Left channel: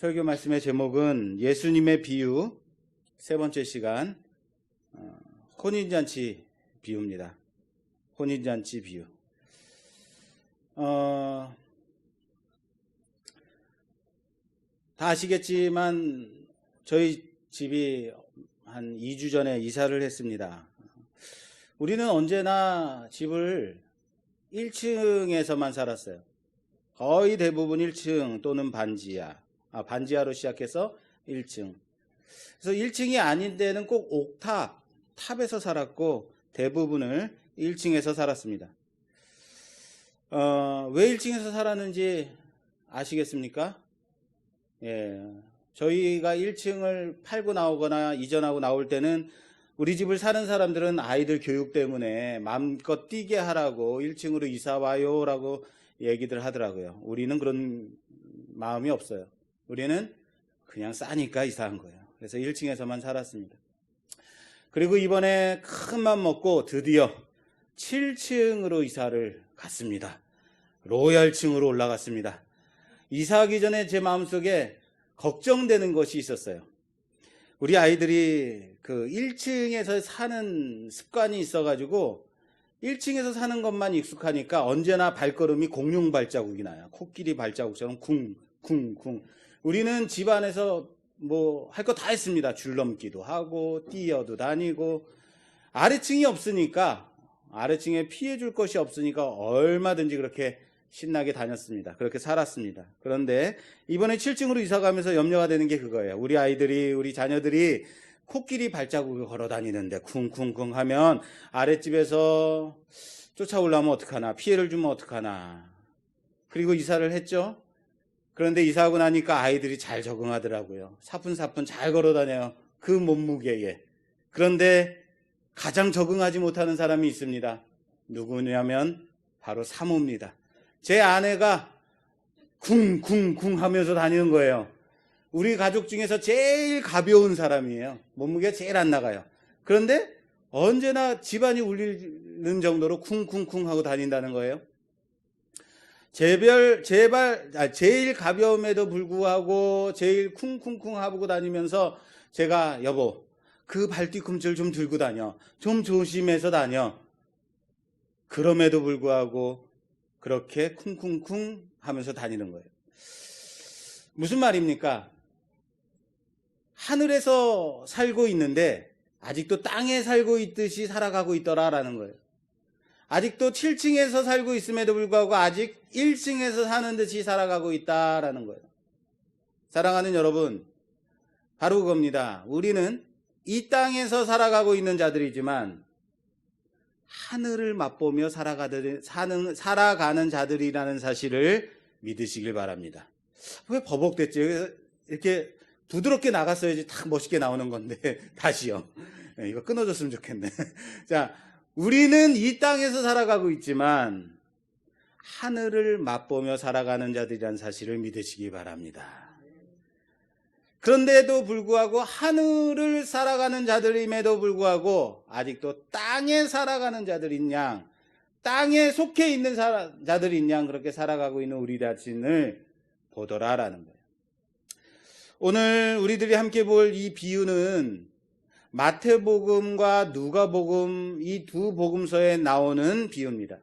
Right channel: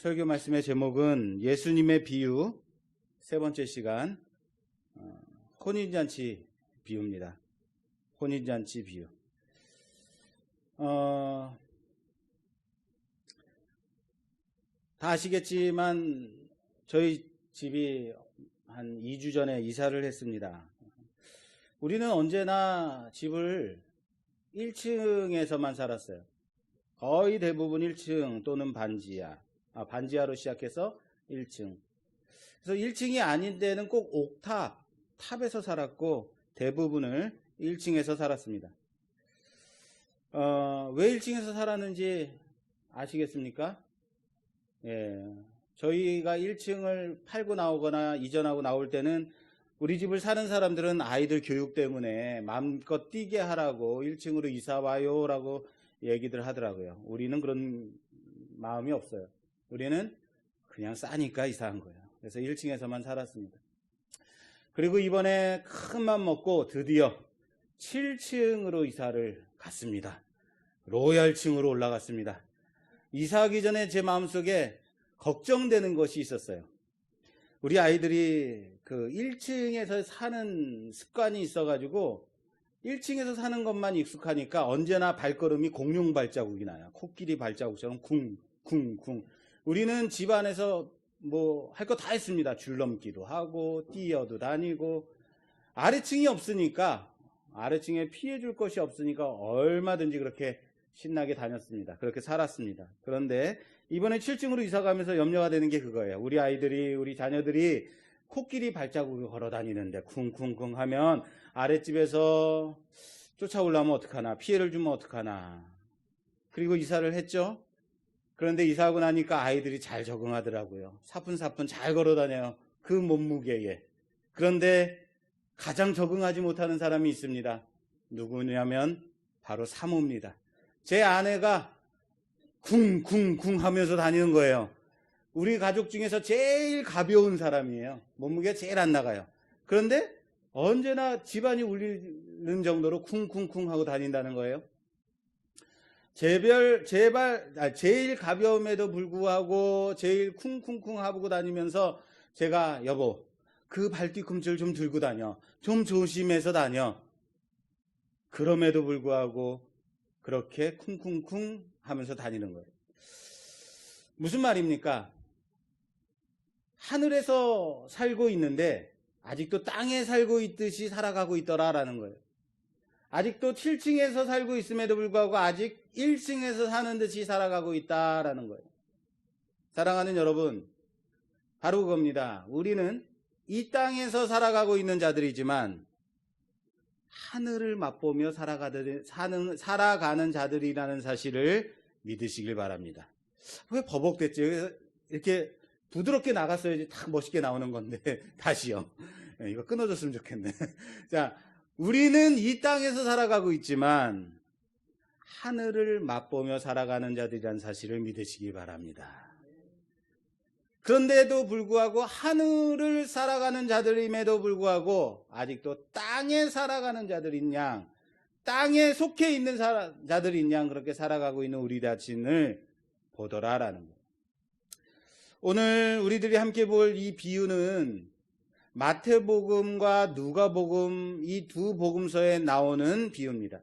설교 말씀의 제목은 예수님의 비유, 세 번째 시간, 혼인잔치 비유입니다. 혼인잔치 비유. 다 아시겠지만 저희 집이 한 2주 전에 이사를 했습니다. 우리는 언제나 집을 1층에서만 살았어요. 거의 대부분 1층 또는 반지하로 시작해서 1층. 그래서 1층이 아닌 데는 꼭 탑에서 살았고 대부분을 1층에서 살았습니다. 왜 1층에서 살았는지 아시겠습니까? 예, 저희가 1층을 팔고 나오거나 이전하고 나올 때는 우리 집을 사는 사람들은 아이들 교육 때문에 마음껏 뛰게 하라고 1층으로 이사 와요 라고 얘기들 하더라고요. 우리는 그런 마음이 없어요. 우리는 그냥 싸니까 이사한 거예요. 그래서 1층에서만 살았습니다. 그리고 이번에 큰 맘 먹고 드디어 7층으로 이사를 갔습니다. 로얄층으로 올라갔습니다. 이사하기 전에 제 마음속에 걱정되는 것이 있었어요. 우리 아이들이 그 1층에서 사는 습관이 있어가지고 1층에서 사는 것만 익숙하니까 언제나 발걸음이 공룡 발자국이 나요. 코끼리 발자국처럼 쿵쿵쿵. 우리는 집 안에서 뭐 할 거 다 했습니다. 줄넘기도 하고 뛰어도 다니고. 아래층이 없으니까, 아래층에 피해 줄 것이 없으니까 얼마든지 그렇게 신나게 다녔습니다. 그렇게 살았습니다. 그런데 이번에 7층으로 이사 가면서 염려가 되는 게 그거예요. 우리 자녀들이 코끼리 발자국을 걸어 다니는데 쿵쿵쿵 하면 아랫집에서 쫓아오려면 어떡하나, 피해를 주면 어떡하나. 그리고 이사를 했죠. 그런데 이사하고 나니까 아이들이 잘 적응하더라고요. 사뿐사뿐 잘 걸어 다녀요. 그 몸무게에. 그런데 가장 적응하지 못하는 사람이 있습니다. 누구냐면 바로 사모입니다. 제 아내가 쿵쿵쿵 하면서 다니는 거예요. 우리 가족 중에서 제일 가벼운 사람이에요. 몸무게가 제일 안 나가요. 그런데 언제나 집안이 울리는 정도로 쿵쿵쿵 하고 다닌다는 거예요. 제일 가벼움에도 불구하고 제일 쿵쿵쿵 하고 다니면서 제가 여보 그 발뒤꿈치를 좀 들고 다녀. 좀 조심해서 다녀. 그럼에도 불구하고 그렇게 쿵쿵쿵 하면서 다니는 거예요. 무슨 말입니까? 하늘에서 살고 있는데 아직도 땅에 살고 있듯이 살아가고 있더라라는 거예요. 아직도 7층에서 살고 있음에도 불구하고 아직 1층에서 사는 듯이 살아가고 있다라는 거예요. 사랑하는 여러분, 바로 그겁니다. 우리는 이 땅에서 살아가고 있는 자들이지만 하늘을 맛보며 살아가는 자들이라는 사실을 믿으시길 바랍니다. 왜 버벅댔지? 이렇게 부드럽게 나갔어야지 딱 멋있게 나오는 건데 다시요. 이거 끊어줬으면 좋겠네. 자, 우리는 이 땅에서 살아가고 있지만 하늘을 맛보며 살아가는 자들이라는 사실을 믿으시기 바랍니다. 그런데도 불구하고 하늘을 살아가는 자들임에도 불구하고 아직도 땅에 살아가는 자들인 양, 땅에 속해 있는 자들인 양 그렇게 살아가고 있는 우리 자신을 보더라라는 거예요. 오늘 우리들이 함께 볼 이 비유는 마태복음과 누가복음 이 두 복음서에 나오는 비유입니다.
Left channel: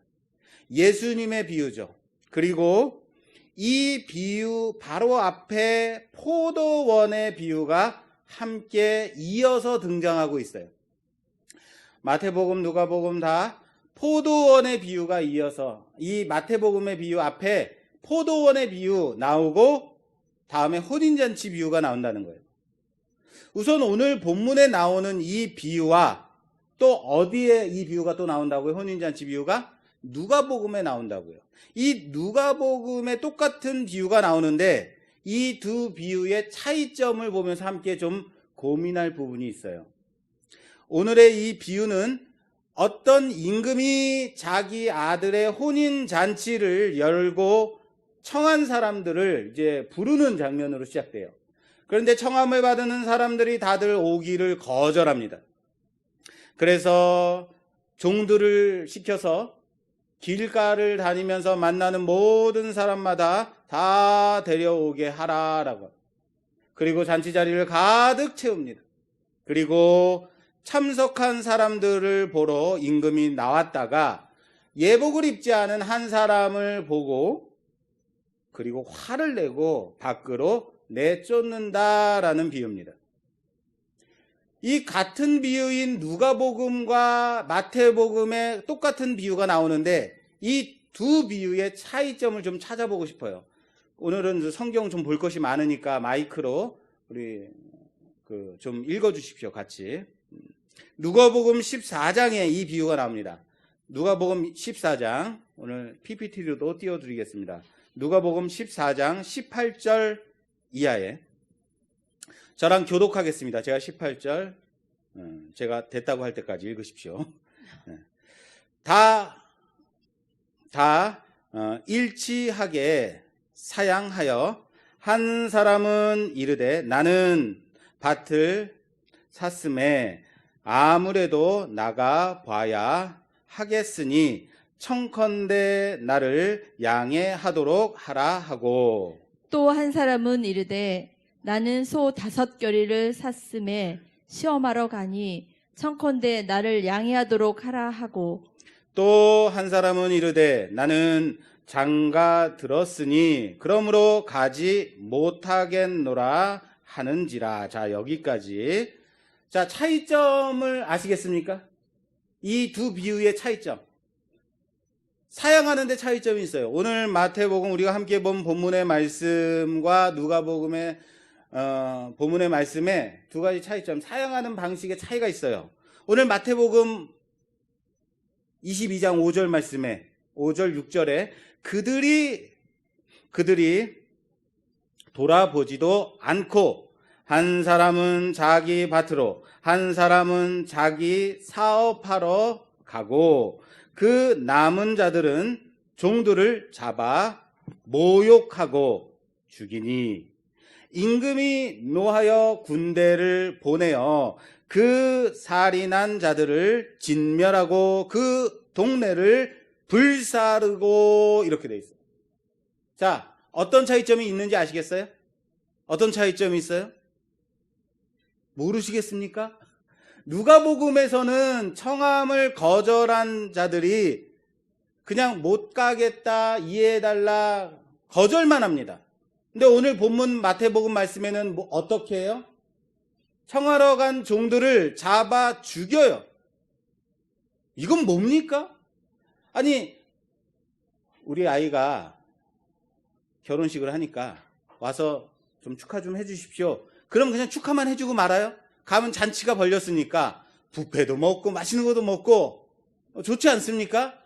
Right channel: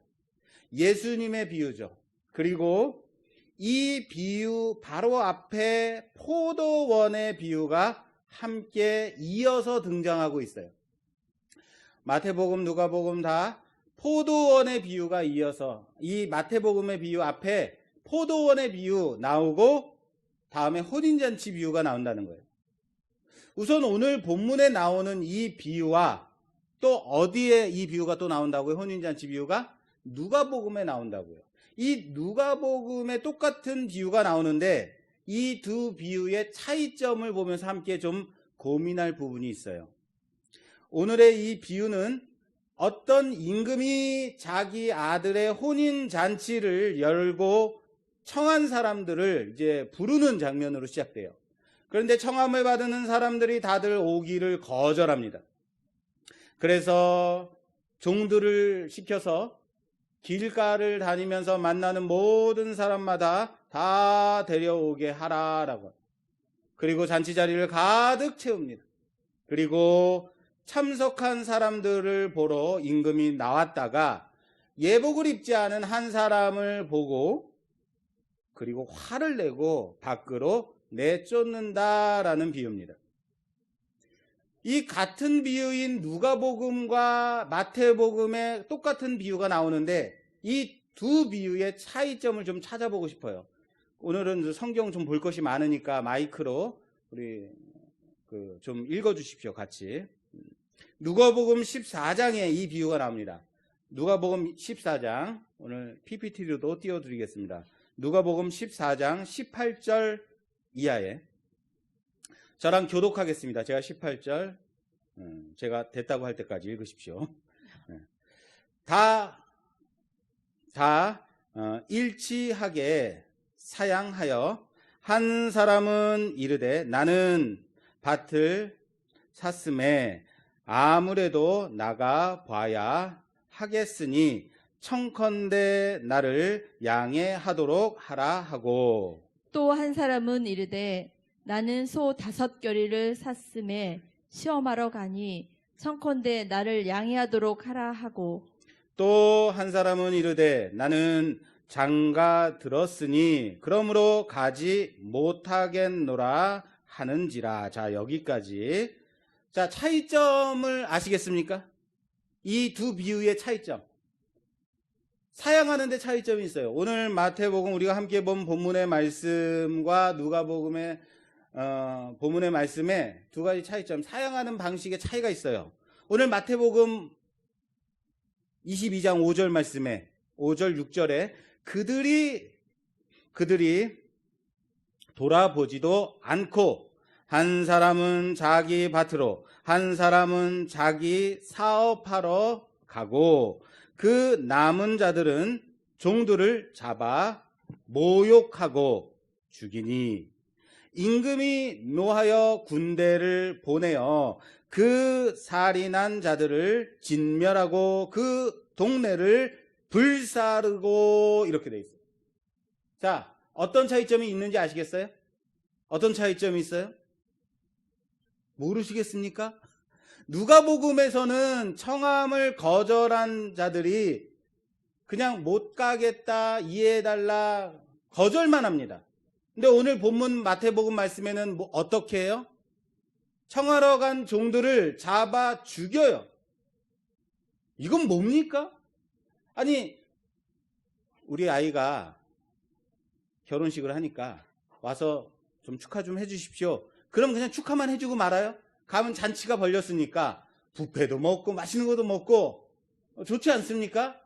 예수님의 비유죠. 그리고 이 비유 바로 앞에 포도원의 비유가 함께 이어서 등장하고 있어요. 마태복음, 누가복음 다 포도원의 비유가 이어서 이 마태복음의 비유 앞에 포도원의 비유 나오고 다음에 혼인잔치 비유가 나온다는 거예요. 우선 오늘 본문에 나오는 이 비유와 또 어디에 이 비유가 또 나온다고요? 혼인잔치 비유가 누가복음에 나온다고요. 이 누가복음에 똑같은 비유가 나오는데 이 두 비유의 차이점을 보면서 함께 좀 고민할 부분이 있어요. 오늘의 이 비유는 어떤 임금이 자기 아들의 혼인잔치를 열고 청한 사람들을 이제 부르는 장면으로 시작돼요. 그런데 청함을 받는 사람들이 다들 오기를 거절합니다. 그래서 종들을 시켜서 길가를 다니면서 만나는 모든 사람마다 다 데려오게 하라라고. 그리고 잔치 자리를 가득 채웁니다. 그리고 참석한 사람들을 보러 임금이 나왔다가 예복을 입지 않은 한 사람을 보고 그리고 화를 내고 밖으로 내쫓는다라는 비유입니다. 이 같은 비유인 누가복음과 마태복음에 똑같은 비유가 나오는데 이 두 비유의 차이점을 좀 찾아보고 싶어요. 오늘은 성경 좀 볼 것이 많으니까 마이크로 우리 좀 읽어주십시오. 같이. 누가복음 14장에 이 비유가 나옵니다. 누가복음 14장 오늘 PPT로도 띄워드리겠습니다. 누가복음 14장 18절 이하에 저랑 교독하겠습니다. 제가 18절 제가 됐다고 할 때까지 읽으십시오. 다 일치하게 사양하여 한 사람은 이르되 나는 밭을 샀음에 아무래도 나가 봐야 하겠으니 청컨대 나를 양해하도록 하라 하고 또 한 사람은 이르되 나는 소 5겨리를 샀음에 시험하러 가니 청컨대 나를 양해하도록 하라 하고 또 한 사람은 이르되 나는 장가 들었으니 그러므로 가지 못하겠노라 하는지라. 자, 여기까지. 자, 차이점을 아시겠습니까? 이 두 비유의 차이점. 사양하는 데 차이점이 있어요. 오늘 마태복음 우리가 함께 본 본문의 말씀과 누가복음의 본문의 말씀에 두 가지 차이점, 사양하는 방식의 차이가 있어요. 오늘 마태복음 22장 5절 말씀에 5절 6절에 그들이 돌아보지도 않고 한 사람은 자기 밭으로 한 사람은 자기 사업하러 가고 그 남은 자들은 종들을 잡아 모욕하고 죽이니 임금이 노하여 군대를 보내어 그 살인한 자들을 진멸하고 그 동네를 불사르고 이렇게 돼 있어요. 자, 어떤 차이점이 있는지 아시겠어요? 어떤 차이점이 있어요? 모르시겠습니까? 누가복음에서는 청함을 거절한 자들이 그냥 못 가겠다, 이해해달라, 거절만 합니다. 근데 오늘 본문 마태복음 말씀에는 어떻게 해요? 청하러 간 종들을 잡아 죽여요. 이건 뭡니까? 아니, 우리 아이가 결혼식을 하니까 와서 좀 축하 좀 해주십시오. 그럼 그냥 축하만 해주고 말아요? 가면 잔치가 벌렸으니까 뷔페도 먹고 맛있는 것도 먹고 좋지 않습니까?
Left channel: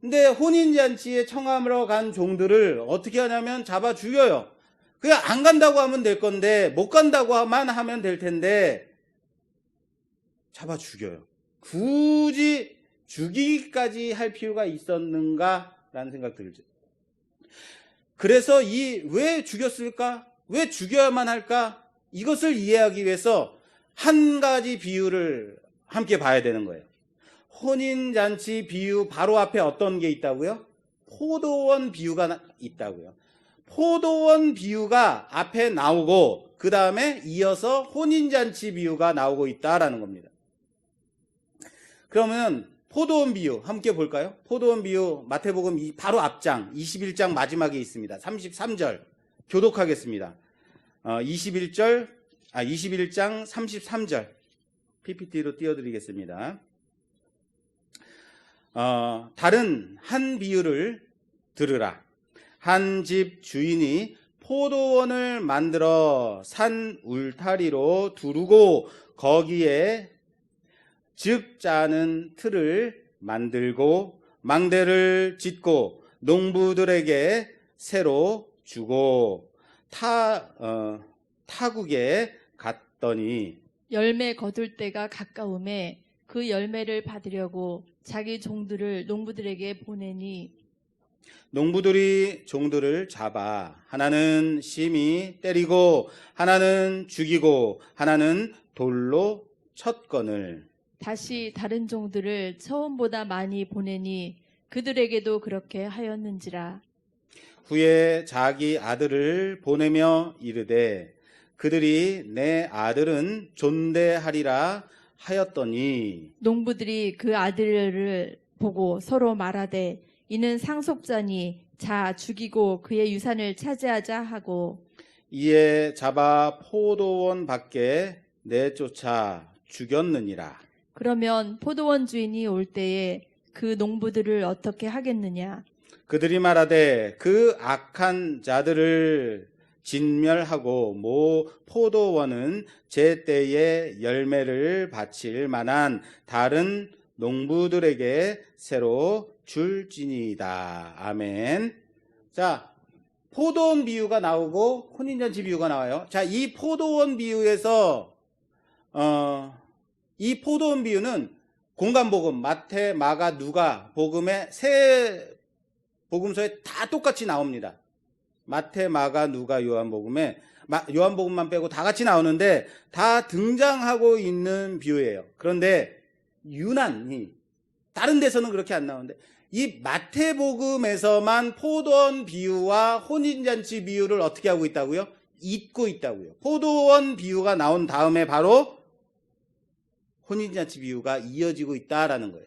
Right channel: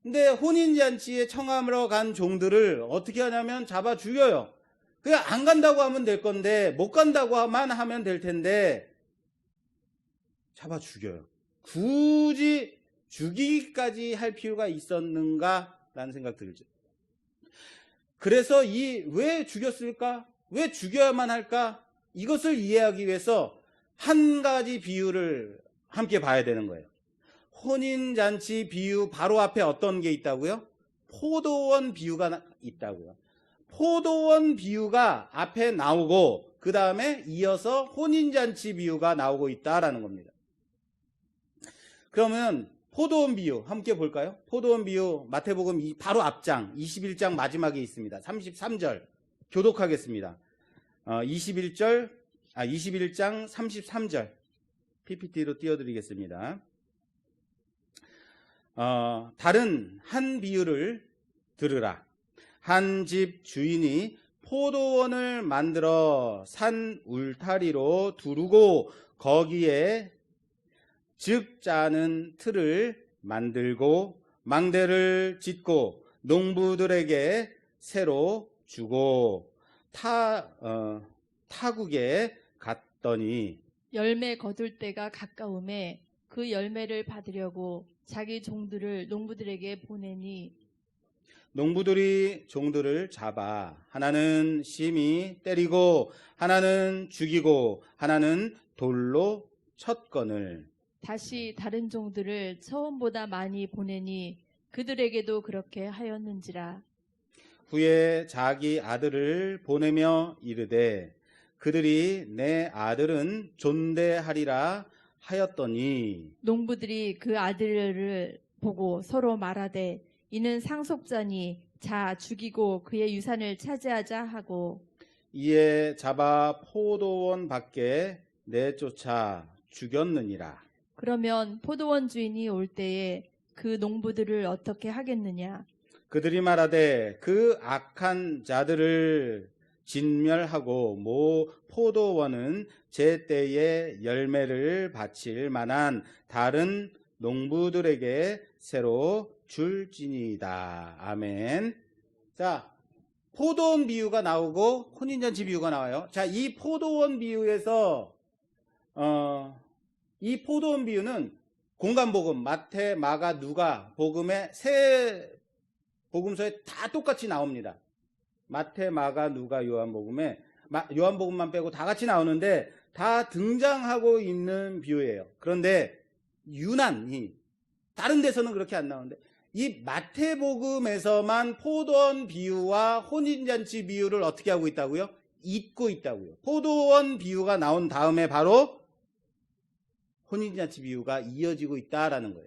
근데 혼인잔치에 청하러 간 종들을 어떻게 하냐면 잡아 죽여요. 그냥 안 간다고 하면 될 건데 못 간다고만 하면 될 텐데 잡아 죽여요. 굳이 죽이기까지 할 필요가 있었는가 라는 생각 들죠. 그래서 왜 죽였을까? 왜 죽여야만 할까? 이것을 이해하기 위해서 한 가지 비유를 함께 봐야 되는 거예요. 혼인잔치 비유 바로 앞에 어떤 게 있다고요? 포도원 비유가 있다고요. 포도원 비유가 앞에 나오고 그 다음에 이어서 혼인잔치 비유가 나오고 있다라는 겁니다. 그러면 포도원 비유 함께 볼까요? 포도원 비유 마태복음 바로 앞장 21장 마지막에 있습니다. 33절 교독하겠습니다. 21장 33절 PPT로 띄워드리겠습니다. 다른 한 비유를 들으라. 한 집 주인이 포도원을 만들어 산 울타리로 두르고 거기에 즙 짜는 틀을 만들고 망대를 짓고 농부들에게 새로 주고 타국에 갔더니 열매 거둘 때가 가까움에 그 열매를 받으려고 자기 종들을 농부들에게 보내니 농부들이 종들을 잡아 하나는 심히 때리고 하나는 죽이고 하나는 돌로 쳤거늘 다시 다른 종들을 처음보다 많이 보내니 그들에게도 그렇게 하였는지라. 후에 자기 아들을 보내며 이르되 그들이 내 아들은 존대하리라 하였더니 농부들이 그 아들을 보고 서로 말하되 이는 상속자니 자 죽이고 그의 유산을 차지하자 하고 이에 잡아 포도원 밖에 내쫓아 죽였느니라. 그러면 포도원 주인이 올 때에 그 농부들을 어떻게 하겠느냐? 그들이 말하되 그 악한 자들을 진멸하고 모 포도원은 제때에 열매를 바칠 만한 다른 농부들에게 새로 줄지니이다. 아멘. 자, 포도원 비유가 나오고 혼인잔치 비유가 나와요. 자, 이 포도원 비유에서 이 포도원 비유는 공간복음 마태, 마가, 누가 복음의 세 복음서에 다 똑같이 나옵니다. 마태, 마가, 누가, 요한복음에 요한복음만 빼고 다 같이 나오는데 다 등장하고 있는 비유예요. 그런데 유난히 다른 데서는 그렇게 안 나오는데 이 마태복음에서만 포도원 비유와 혼인잔치 비유를 어떻게 하고 있다고요? 잇고 있다고요. 포도원 비유가 나온 다음에 바로 혼인잔치 비유가 이어지고 있다라는 거예요.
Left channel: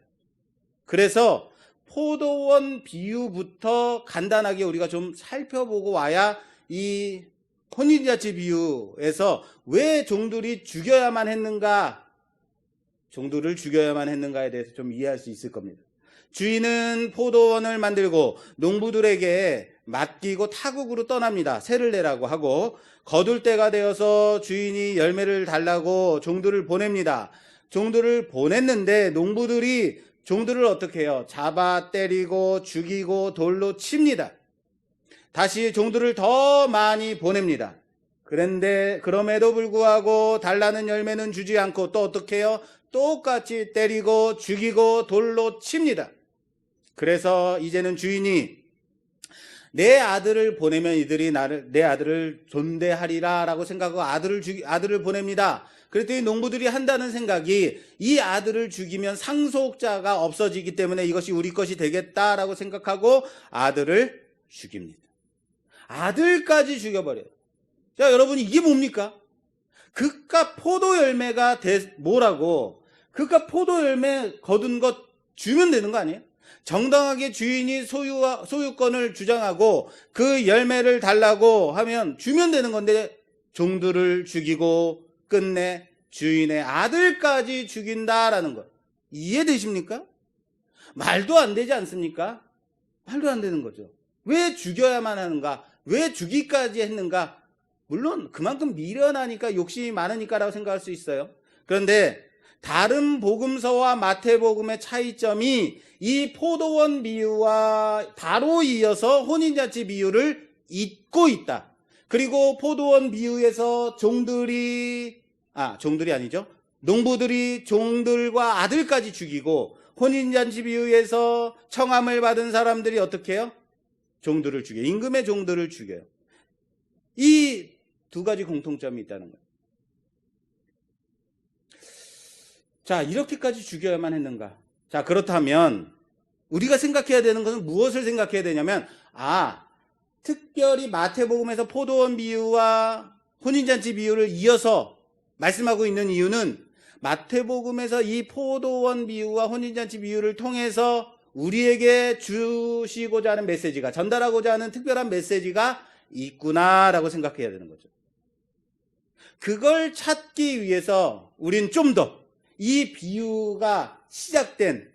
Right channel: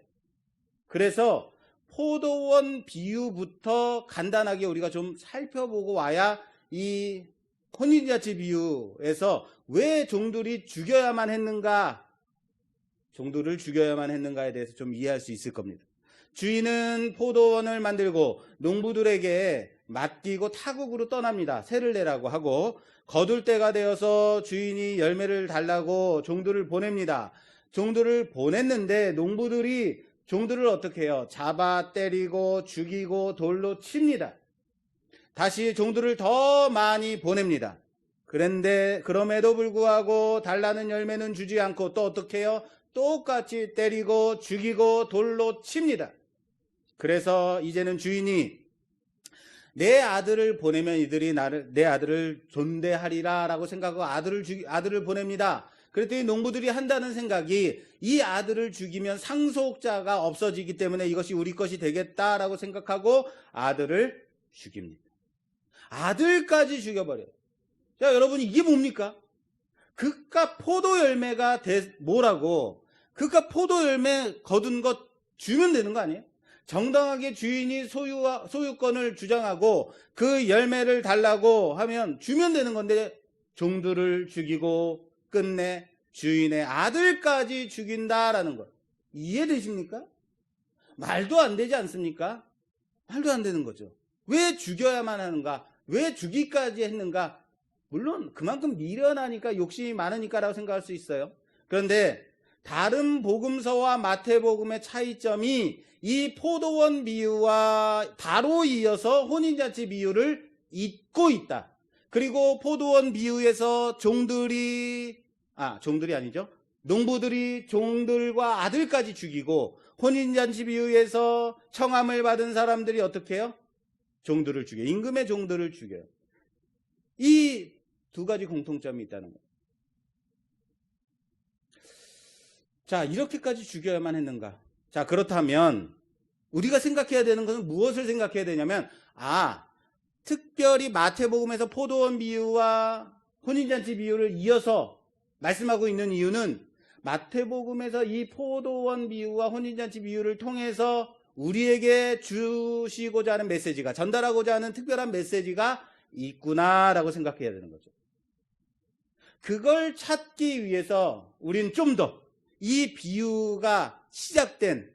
그래서 포도원 비유부터 간단하게 우리가 좀 살펴보고 와야 이 혼인잔치 비유에서 왜 종들이 죽여야만 했는가, 종들을 죽여야만 했는가에 대해서 좀 이해할 수 있을 겁니다. 주인은 포도원을 만들고 농부들에게 맡기고 타국으로 떠납니다. 세를 내라고 하고 거둘 때가 되어서 주인이 열매를 달라고 종들을 보냅니다. 종들을 보냈는데 농부들이 종들을 어떻게 해요? 잡아 때리고 죽이고 돌로 칩니다. 다시 종들을 더 많이 보냅니다. 그런데 그럼에도 불구하고 달라는 열매는 주지 않고 또 어떻게 해요? 똑같이 때리고 죽이고 돌로 칩니다. 그래서 이제는 주인이 내 아들을 보내면 이들이 내 아들을 존대하리라 라고 생각하고 아들을 보냅니다. 그랬더니 농부들이 한다는 생각이 이 아들을 죽이면 상속자가 없어지기 때문에 이것이 우리 것이 되겠다라고 생각하고 아들을 죽입니다. 아들까지 죽여버려요. 자, 여러분 이게 뭡니까? 그깟 포도 열매가 뭐라고? 그깟 포도 열매 거둔 것 주면 되는 거 아니에요? 정당하게 주인이 소유권을 주장하고 그 열매를 달라고 하면 주면 되는 건데 종들을 죽이고 끝내 주인의 아들까지 죽인다라는 것. 이해되십니까? 말도 안 되지 않습니까? 말도 안 되는 거죠. 왜 죽여야만 하는가? 왜 죽이까지 했는가? 물론 그만큼 미련하니까 욕심이 많으니까라고 생각할 수 있어요. 그런데 다른 복음서와 마태복음의 차이점이 이 포도원 비유와 바로 이어서 혼인잔치 비유를 잇고 있다. 그리고 포도원 비유에서 종들이 아니죠. 농부들이 종들과 아들까지 죽이고 혼인잔치 비유에서 청함을 받은 사람들이 어떻게 해요? 종들을 죽여요. 임금의 종들을 죽여요. 이 두 가지 공통점이 있다는 거예요. 자, 이렇게까지 죽여야만 했는가? 자, 그렇다면 우리가 생각해야 되는 것은 무엇을 생각해야 되냐면 특별히 마태복음에서 포도원 비유와 혼인잔치 비유를 이어서 말씀하고 있는 이유는 마태복음에서 이 포도원 비유와 혼인잔치 비유를 통해서 우리에게 주시고자 하는 메시지가, 전달하고자 하는 특별한 메시지가 있구나라고 생각해야 되는 거죠. 그걸 찾기 위해서 우린 좀 더 이 비유가 시작된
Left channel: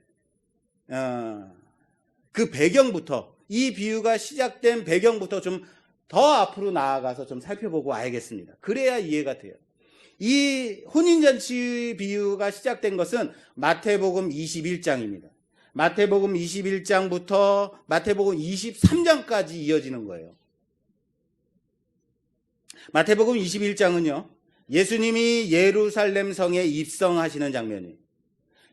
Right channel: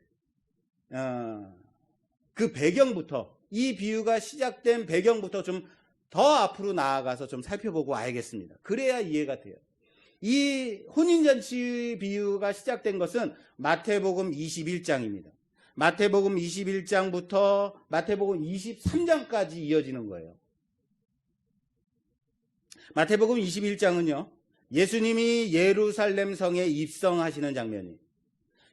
그 배경부터, 이 비유가 시작된 배경부터 좀 더 앞으로 나아가서 좀 살펴보고 알겠습니다. 그래야 이해가 돼요. 이 혼인잔치 비유가 시작된 것은 마태복음 21장입니다. 마태복음 21장부터 마태복음 23장까지 이어지는 거예요. 마태복음 21장은요, 예수님이 예루살렘 성에 입성하시는 장면이에요.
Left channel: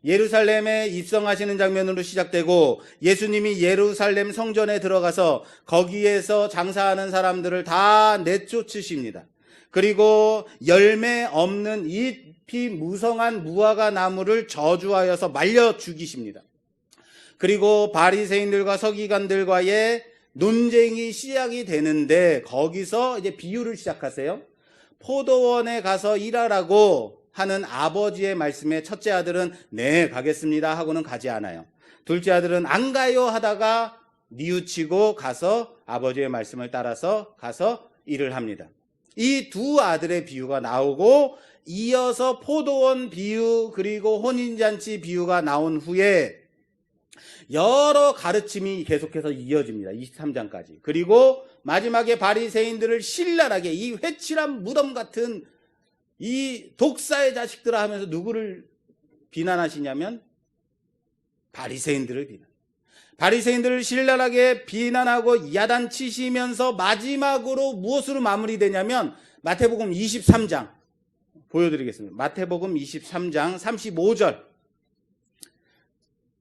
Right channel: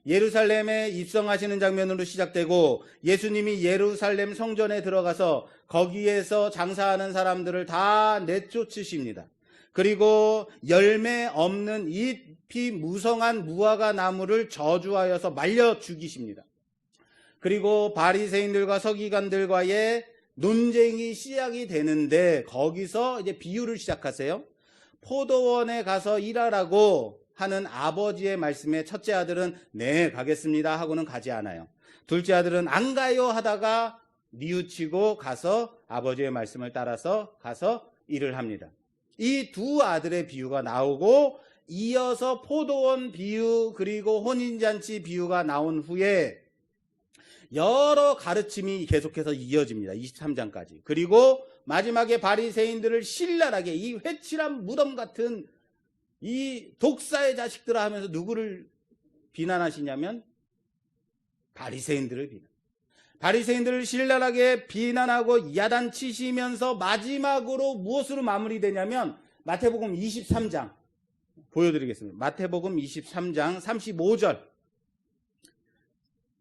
예루살렘에 입성하시는 장면으로 시작되고 예수님이 예루살렘 성전에 들어가서 거기에서 장사하는 사람들을 다 내쫓으십니다. 그리고 열매 없는 잎이 무성한 무화과 나무를 저주하여서 말려 죽이십니다. 그리고 바리새인들과 서기관들과의 논쟁이 시작이 되는데 거기서 이제 비유를 시작하세요. 포도원에 가서 일하라고 하는 아버지의 말씀에 첫째 아들은 네 가겠습니다 하고는 가지 않아요. 둘째 아들은 안 가요 하다가 뉘우치고 가서 아버지의 말씀을 따라서 가서 일을 합니다. 이 두 아들의 비유가 나오고 이어서 포도원 비유 그리고 혼인잔치 비유가 나온 후에 여러 가르침이 계속해서 이어집니다. 23장까지. 그리고 마지막에 바리새인들을 신랄하게 이 회칠한 무덤 같은 이 독사의 자식들아 하면서 누구를 비난하시냐면 바리새인들을 비난. 바리새인들을 신랄하게 비난하고 야단치시면서 마지막으로 무엇으로 마무리되냐면 마태복음 23장 보여드리겠습니다. 마태복음 23장 35절.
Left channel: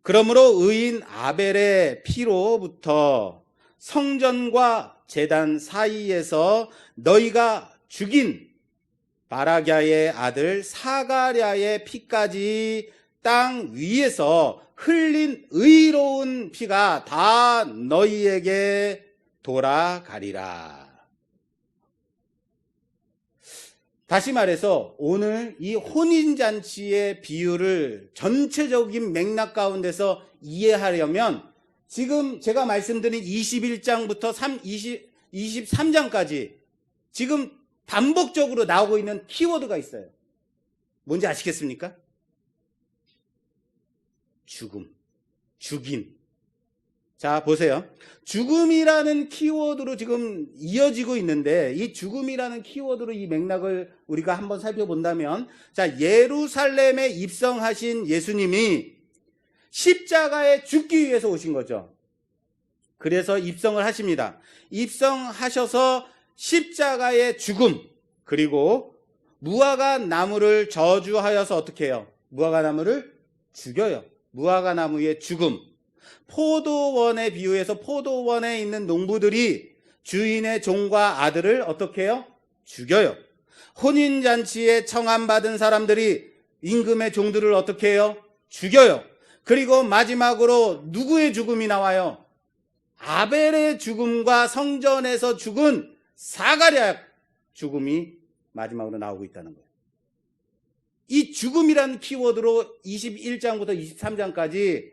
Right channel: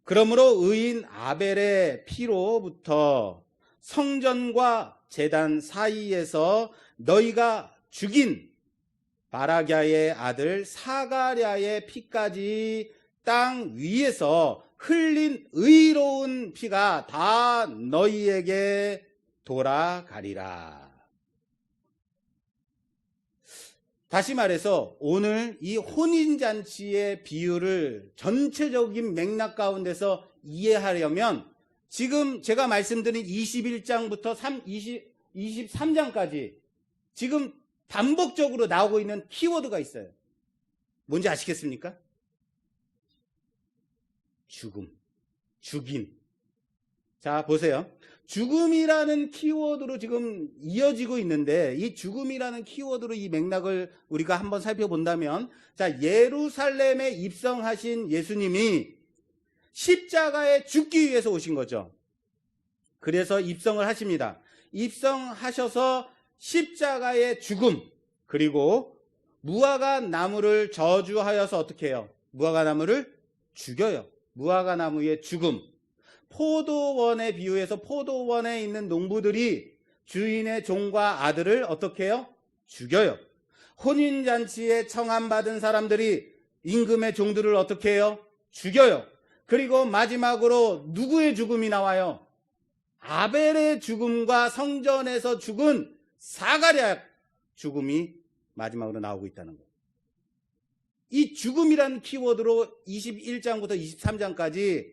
그러므로 의인 아벨의 피로부터 성전과 제단 사이에서 너희가 죽인 바라갸의 아들 사가랴의 피까지 땅 위에서 흘린 의로운 피가 다 너희에게 돌아가리라. 다시 말해서 오늘 이 혼인잔치의 비유를 전체적인 맥락 가운데서 이해하려면 지금 제가 말씀드린 21장부터 23장까지 지금 반복적으로 나오고 있는 키워드가 있어요. 뭔지 아시겠습니까? 죽음, 죽임. 자, 보세요. 죽음이라는 키워드로 지금 이어지고 있는데 이 죽음이라는 키워드로 이 맥락을 우리가 한번 살펴본다면 자, 예루살렘에 입성하신 예수님이 십자가에 죽기 위해서 오신 거죠. 그래서 입성을 하십니다. 입성하셔서 십자가의 죽음 그리고 무화과 나무를 저주하여서 어떻게 해요? 무화과 나무를 죽여요. 무화과 나무의 죽음. 포도원에 비유해서 포도원에 있는 농부들이 주인의 종과 아들을 어떻게 해요? 죽여요. 혼인잔치에 청함받은 사람들이 임금의 종들을 어떻게 해요? 죽여요. 그리고 마지막으로 누구의 죽음이 나와요? 아벨의 죽음과 성전에서 죽은 사가랴 죽음이 마지막으로 나오고 있다는 거예요. 이 죽음이라는 키워드로 21장부터 23장까지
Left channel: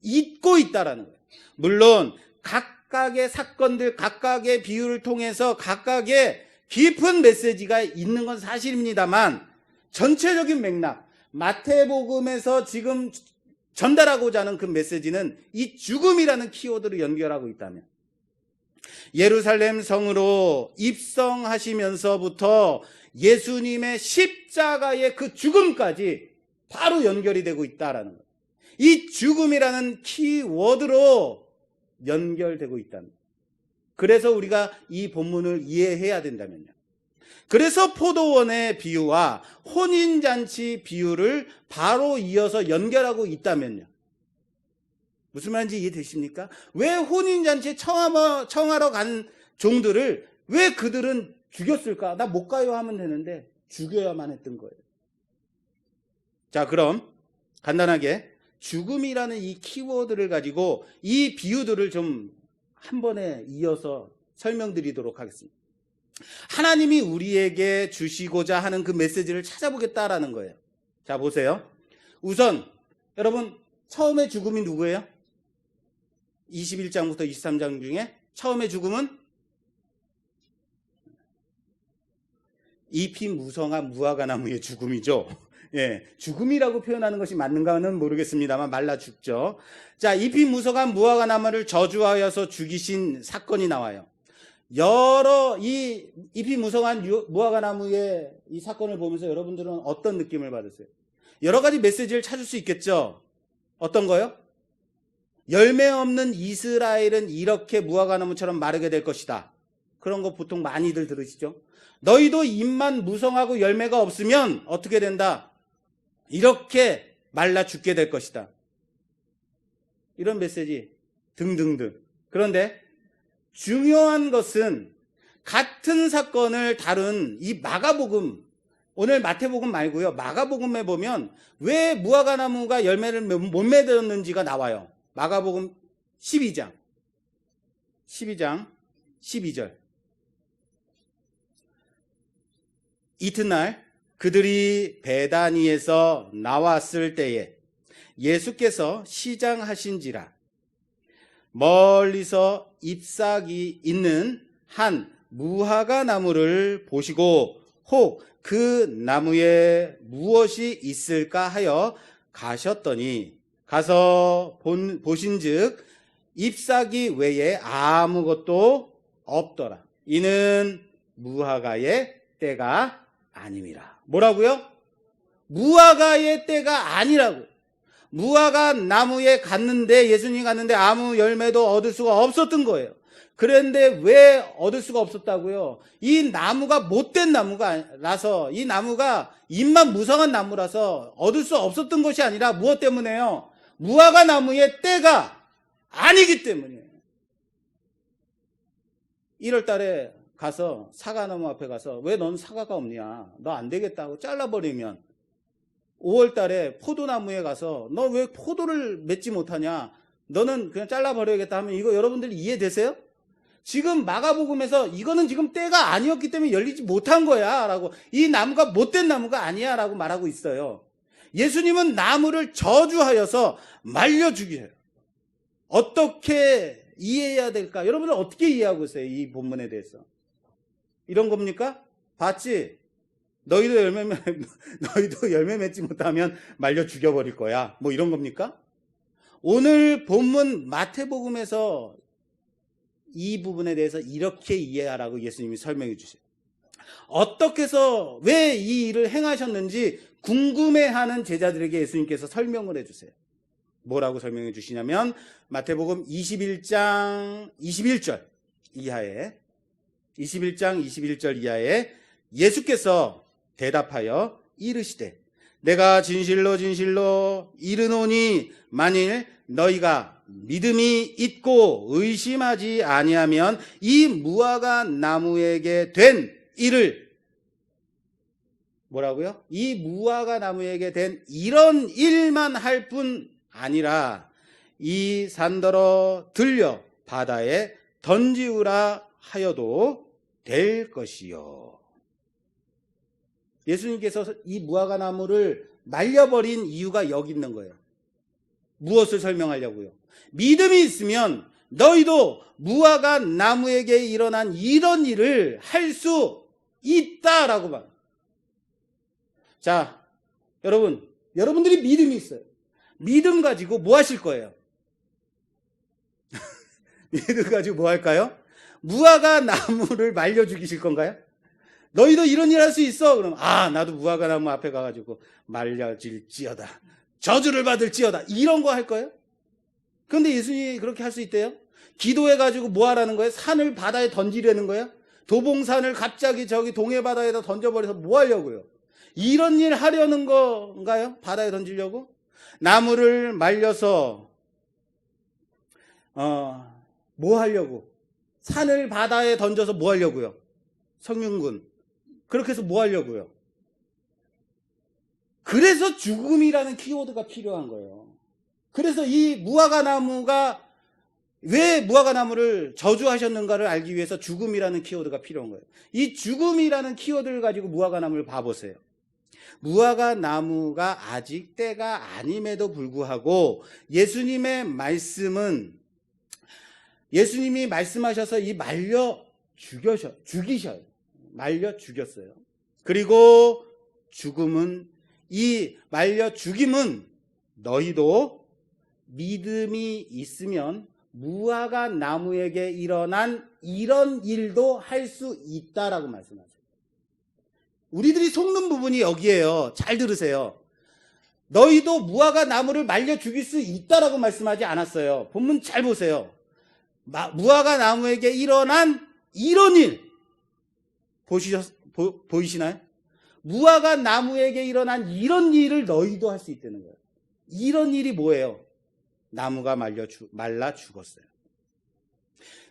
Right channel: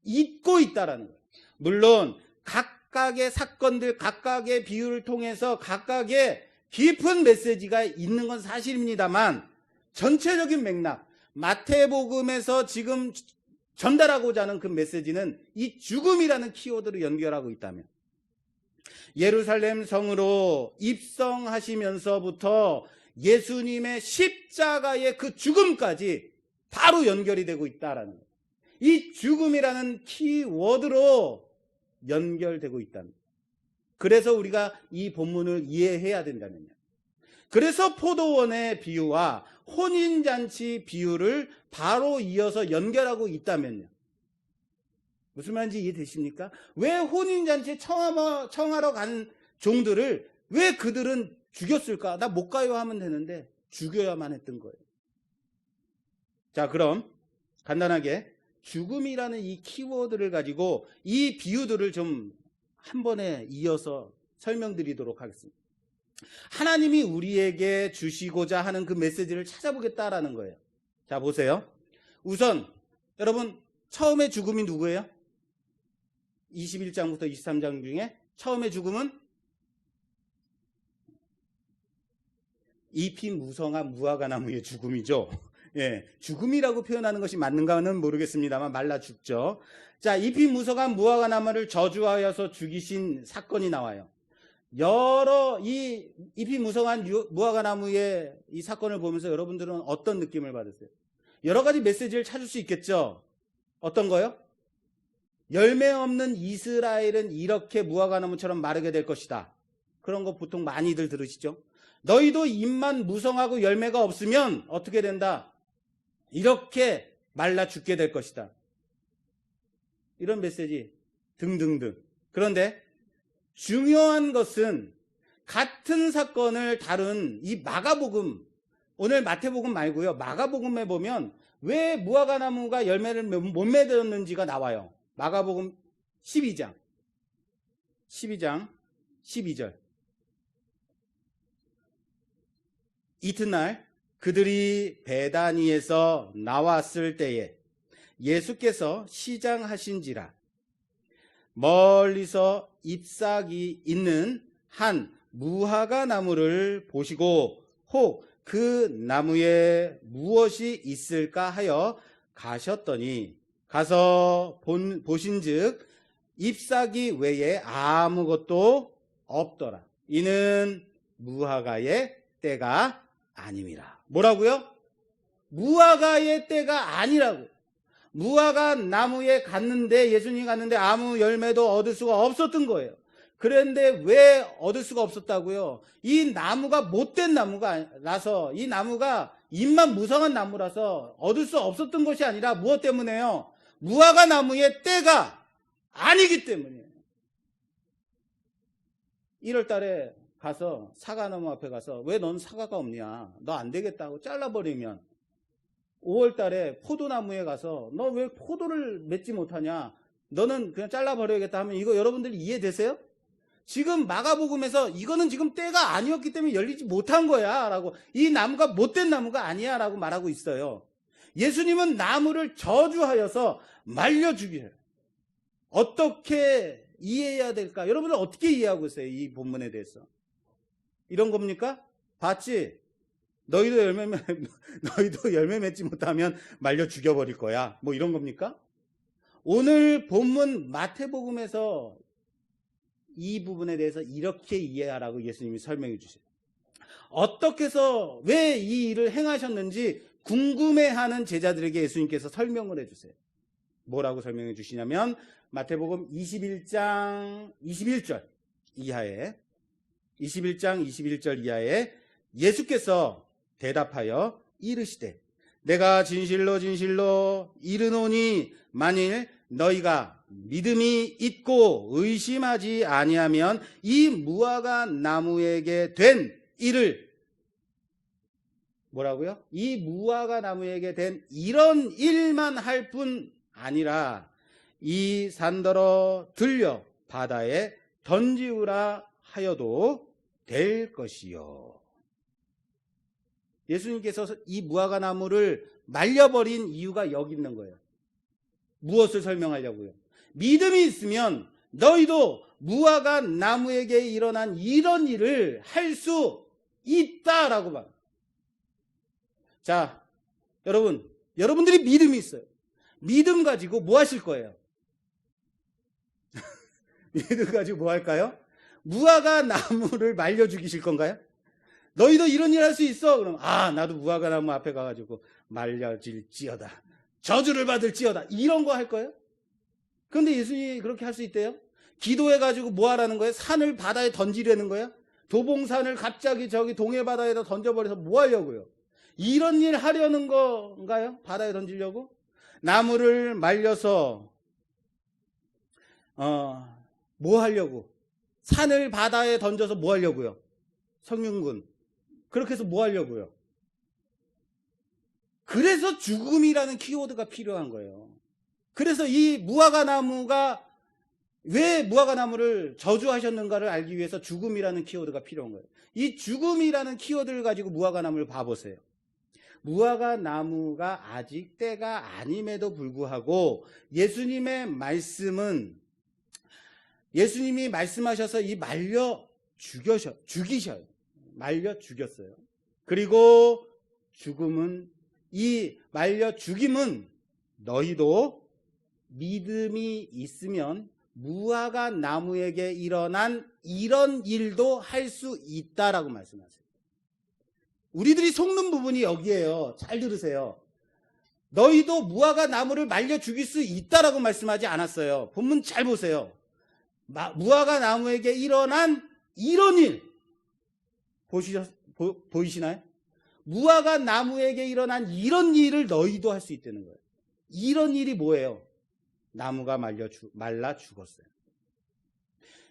잊고 있다라는 거예요. 물론 각각의 사건들, 각각의 비유를 통해서 각각의 깊은 메시지가 있는 건 사실입니다만 전체적인 맥락, 마태복음에서 지금 전달하고자 하는 그 메시지는 이 죽음이라는 키워드로 연결하고 있다면 예루살렘 성으로 입성하시면서부터 예수님의 십자가의 그 죽음까지 바로 연결이 되고 있다라는 거예요. 이 죽음이라는 키워드로 연결되고 있다는 거예요. 그래서 우리가 이 본문을 이해해야 된다면요. 그래서 포도원의 비유와 혼인잔치 비유를 바로 이어서 연결하고 있다면요. 무슨 말인지 이해되십니까? 왜 혼인잔치에 청하러 간 종들을 왜 그들은 죽였을까? 나 못 가요 하면 되는데 죽여야만 했던 거예요. 자, 그럼 간단하게 죽음이라는 이 키워드를 가지고 이 비유들을 좀 한 번에 이어서 설명드리도록 하겠습니다. 하나님이 우리에게 주시고자 하는 그 메시지를 찾아보겠다라는 거예요. 자, 보세요. 우선 여러분 처음에 죽음이 누구예요? 21장부터 23장 중에 처음에 죽음은 잎이 무성한 무화과 나무의 죽음이죠. 예, 죽음이라고 표현하는 것이 맞는가는 모르겠습니다만 말라 죽죠. 자, 잎이 무성한 무화과 나무를 저주하여서 죽이신 사건이 나와요. 여러 이 잎이 무성한 무화과 나무의 이 사건을 보면서 여러분들은 어떤 느낌을 받으세요? 여러 가지 메시지를 찾을 수 있겠죠. 어떤 거요? 열매 없는 이스라엘은 이렇게 무화과 나무처럼 마르게 될 것이다. 그런 거 보통 많이들 들으시죠? 너희도 잎만 무성하고 열매가 없으면 어떻게 된다? 이렇게 말라 죽게 될 것이다. 이런 메시지 등등등. 그런데 중요한 것은 같은 사건을 다룬 이 마가복음, 오늘 마태복음 말고요. 마가복음에 보면 왜 무화과 나무가 열매를 못 맺었는지가 나와요. 마가복음 12장 12절. 이튿날 그들이 베다니에서 나왔을 때에 예수께서 시장하신지라 멀리서 잎사귀 있는 한 무화과 나무를 보시고 혹 그 나무에 무엇이 있을까 하여 가셨더니 가서 보신즉 잎사귀 외에 아무것도 없더라. 이는 무화과의 때가 아님이라. 뭐라고요? 무화과의 때가 아니라고. 무화과 나무에 갔는데, 예수님이 갔는데 아무 열매도 얻을 수가 없었던 거예요. 그런데 왜 얻을 수가 없었다고요? 이 나무가 못된 나무라서, 이 나무가 잎만 무성한 나무라서 얻을 수 없었던 것이 아니라 무엇 때문에요? 무화과 나무의 때가 아니기 때문이에요. 1월 달에 가서 사과나무 앞에 가서 왜 넌 사과가 없냐? 너 안 되겠다고 잘라버리면 5월 달에 포도나무에 가서 너 왜 포도를 맺지 못하냐? 너는 그냥 잘라버려야겠다 하면 이거 여러분들이 이해되세요? 지금 마가복음에서 이거는 지금 때가 아니었기 때문에 열리지 못한 거야 라고, 이 나무가 못된 나무가 아니야 라고 말하고 있어요. 예수님은 나무를 저주하여서 말려 죽여요. 어떻게 이해해야 될까? 여러분은 어떻게 이해하고 있어요? 이 본문에 대해서. 이런 겁니까? 봤지? 너희도 열매 맺지 못하면 말려 죽여버릴 거야. 뭐 이런 겁니까? 오늘 본문 마태복음에서 이 부분에 대해서 이렇게 이해하라고 예수님이 설명해 주세요. 어떻게 해서 왜 이 일을 행하셨는지 궁금해하는 제자들에게 예수님께서 설명을 해주세요. 뭐라고 설명해 주시냐면 마태복음 21장 21절 이하에 21장 21절 이하에 예수께서 대답하여 이르시되 내가 진실로 진실로 이르노니 만일 너희가 믿음이 있고 의심하지 아니하면 이 무화과 나무에게 된 일을 뭐라고요? 이 무화과 나무에게 된 이런 일만 할 뿐 아니라 이 산더러 들려 바다에 던지우라 하여도 될 것이요. 예수님께서 이 무화과 나무를 말려버린 이유가 여기 있는 거예요. 무엇을 설명하려고요? 믿음이 있으면 너희도 무화과 나무에게 일어난 이런 일을 할 수 있다라고 말합니다. 자, 여러분들이 믿음이 있어요. 믿음 가지고 뭐 하실 거예요? 믿음 가지고 뭐 할까요? 무화과 나무를 말려 죽이실 건가요? 너희도 이런 일 할 수 있어? 그럼 나도 무화과 나무 앞에 가가지고 말려질지어다, 저주를 받을지어다, 이런 거 할 거예요? 그런데 예수님이 그렇게 할 수 있대요? 기도해가지고 뭐 하라는 거예요? 산을 바다에 던지려는 거예요? 도봉산을 갑자기 저기 동해바다에다 던져버려서 뭐 하려고요? 이런 일 하려는 건가요? 바다에 던지려고? 나무를 말려서 뭐 하려고? 산을 바다에 던져서 뭐 하려고요? 성윤군, 그렇게 해서 뭐 하려고요? 그래서 죽음이라는 키워드가 필요한 거예요. 그래서 이 무화과 나무가 왜 무화과 나무를 저주하셨는가를 알기 위해서 죽음이라는 키워드가 필요한 거예요. 이 죽음이라는 키워드를 가지고 무화과 나무를 봐보세요. 무화과 나무가 아직 때가 아님에도 불구하고 예수님의 말씀은, 예수님이 말씀하셔서 이 말려 죽이셔요. 말려 죽였어요. 그리고 죽음은, 이 말려 죽임은 너희도 믿음이 있으면 무화과 나무에게 일어난 이런 일도 할 수 있다라고 말씀하세요. 우리들이 속는 부분이 여기에요. 잘 들으세요. 너희도 무화과 나무를 말려 죽일 수 있다라고 말씀하지 않았어요. 본문 잘 보세요. 무화과 나무에게 일어난 이런 일 보이시나요? 무화과 나무에게 일어난 이런 일을 너희도 할 수 있다는 거예요. 이런 일이 뭐예요? 나무가 말라 죽었어요.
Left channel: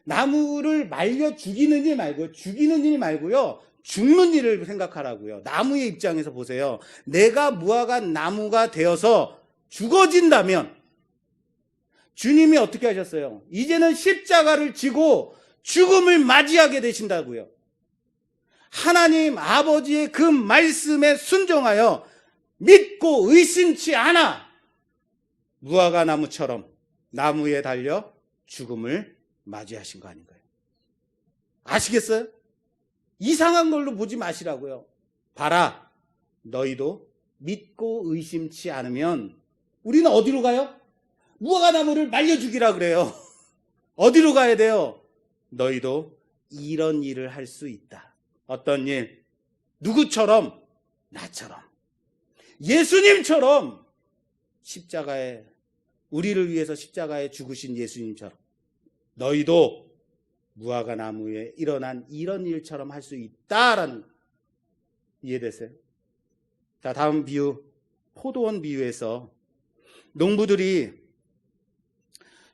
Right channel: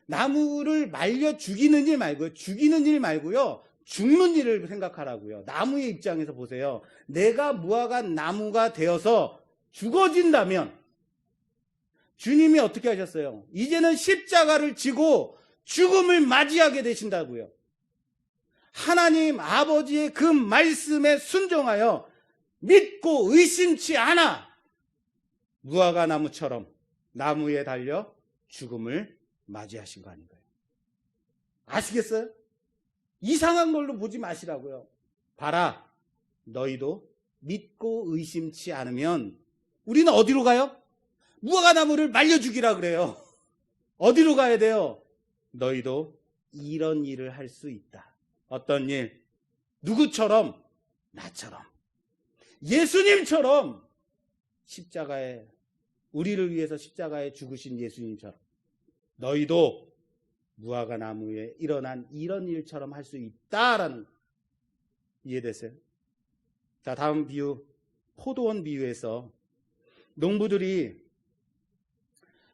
나무를 말려 죽이는 일 말고요. 죽는 일을 생각하라고요. 나무의 입장에서 보세요. 내가 무화과 나무가 되어서 죽어진다면 주님이 어떻게 하셨어요? 이제는 십자가를 지고 죽음을 맞이하게 되신다고요. 하나님 아버지의 그 말씀에 순종하여 믿고 의심치 않아 무화과 나무처럼 나무에 달려 죽음을 맞이하신 거 아닌가요? 아시겠어요? 이상한 걸로 보지 마시라고요. 봐라, 너희도 믿고 의심치 않으면 우리는 어디로 가요? 무화과 나무를 말려 죽이라 그래요. 어디로 가야 돼요? 너희도 이런 일을 할 수 있다. 어떤 일? 누구처럼? 나처럼. 예수님처럼 십자가에, 우리를 위해서 십자가에 죽으신 예수님처럼 너희도 무화과 나무에 일어난 이런 일처럼 할 수 있다라는 거. 이해됐어요? 자, 다음 비유, 포도원 비유에서 농부들이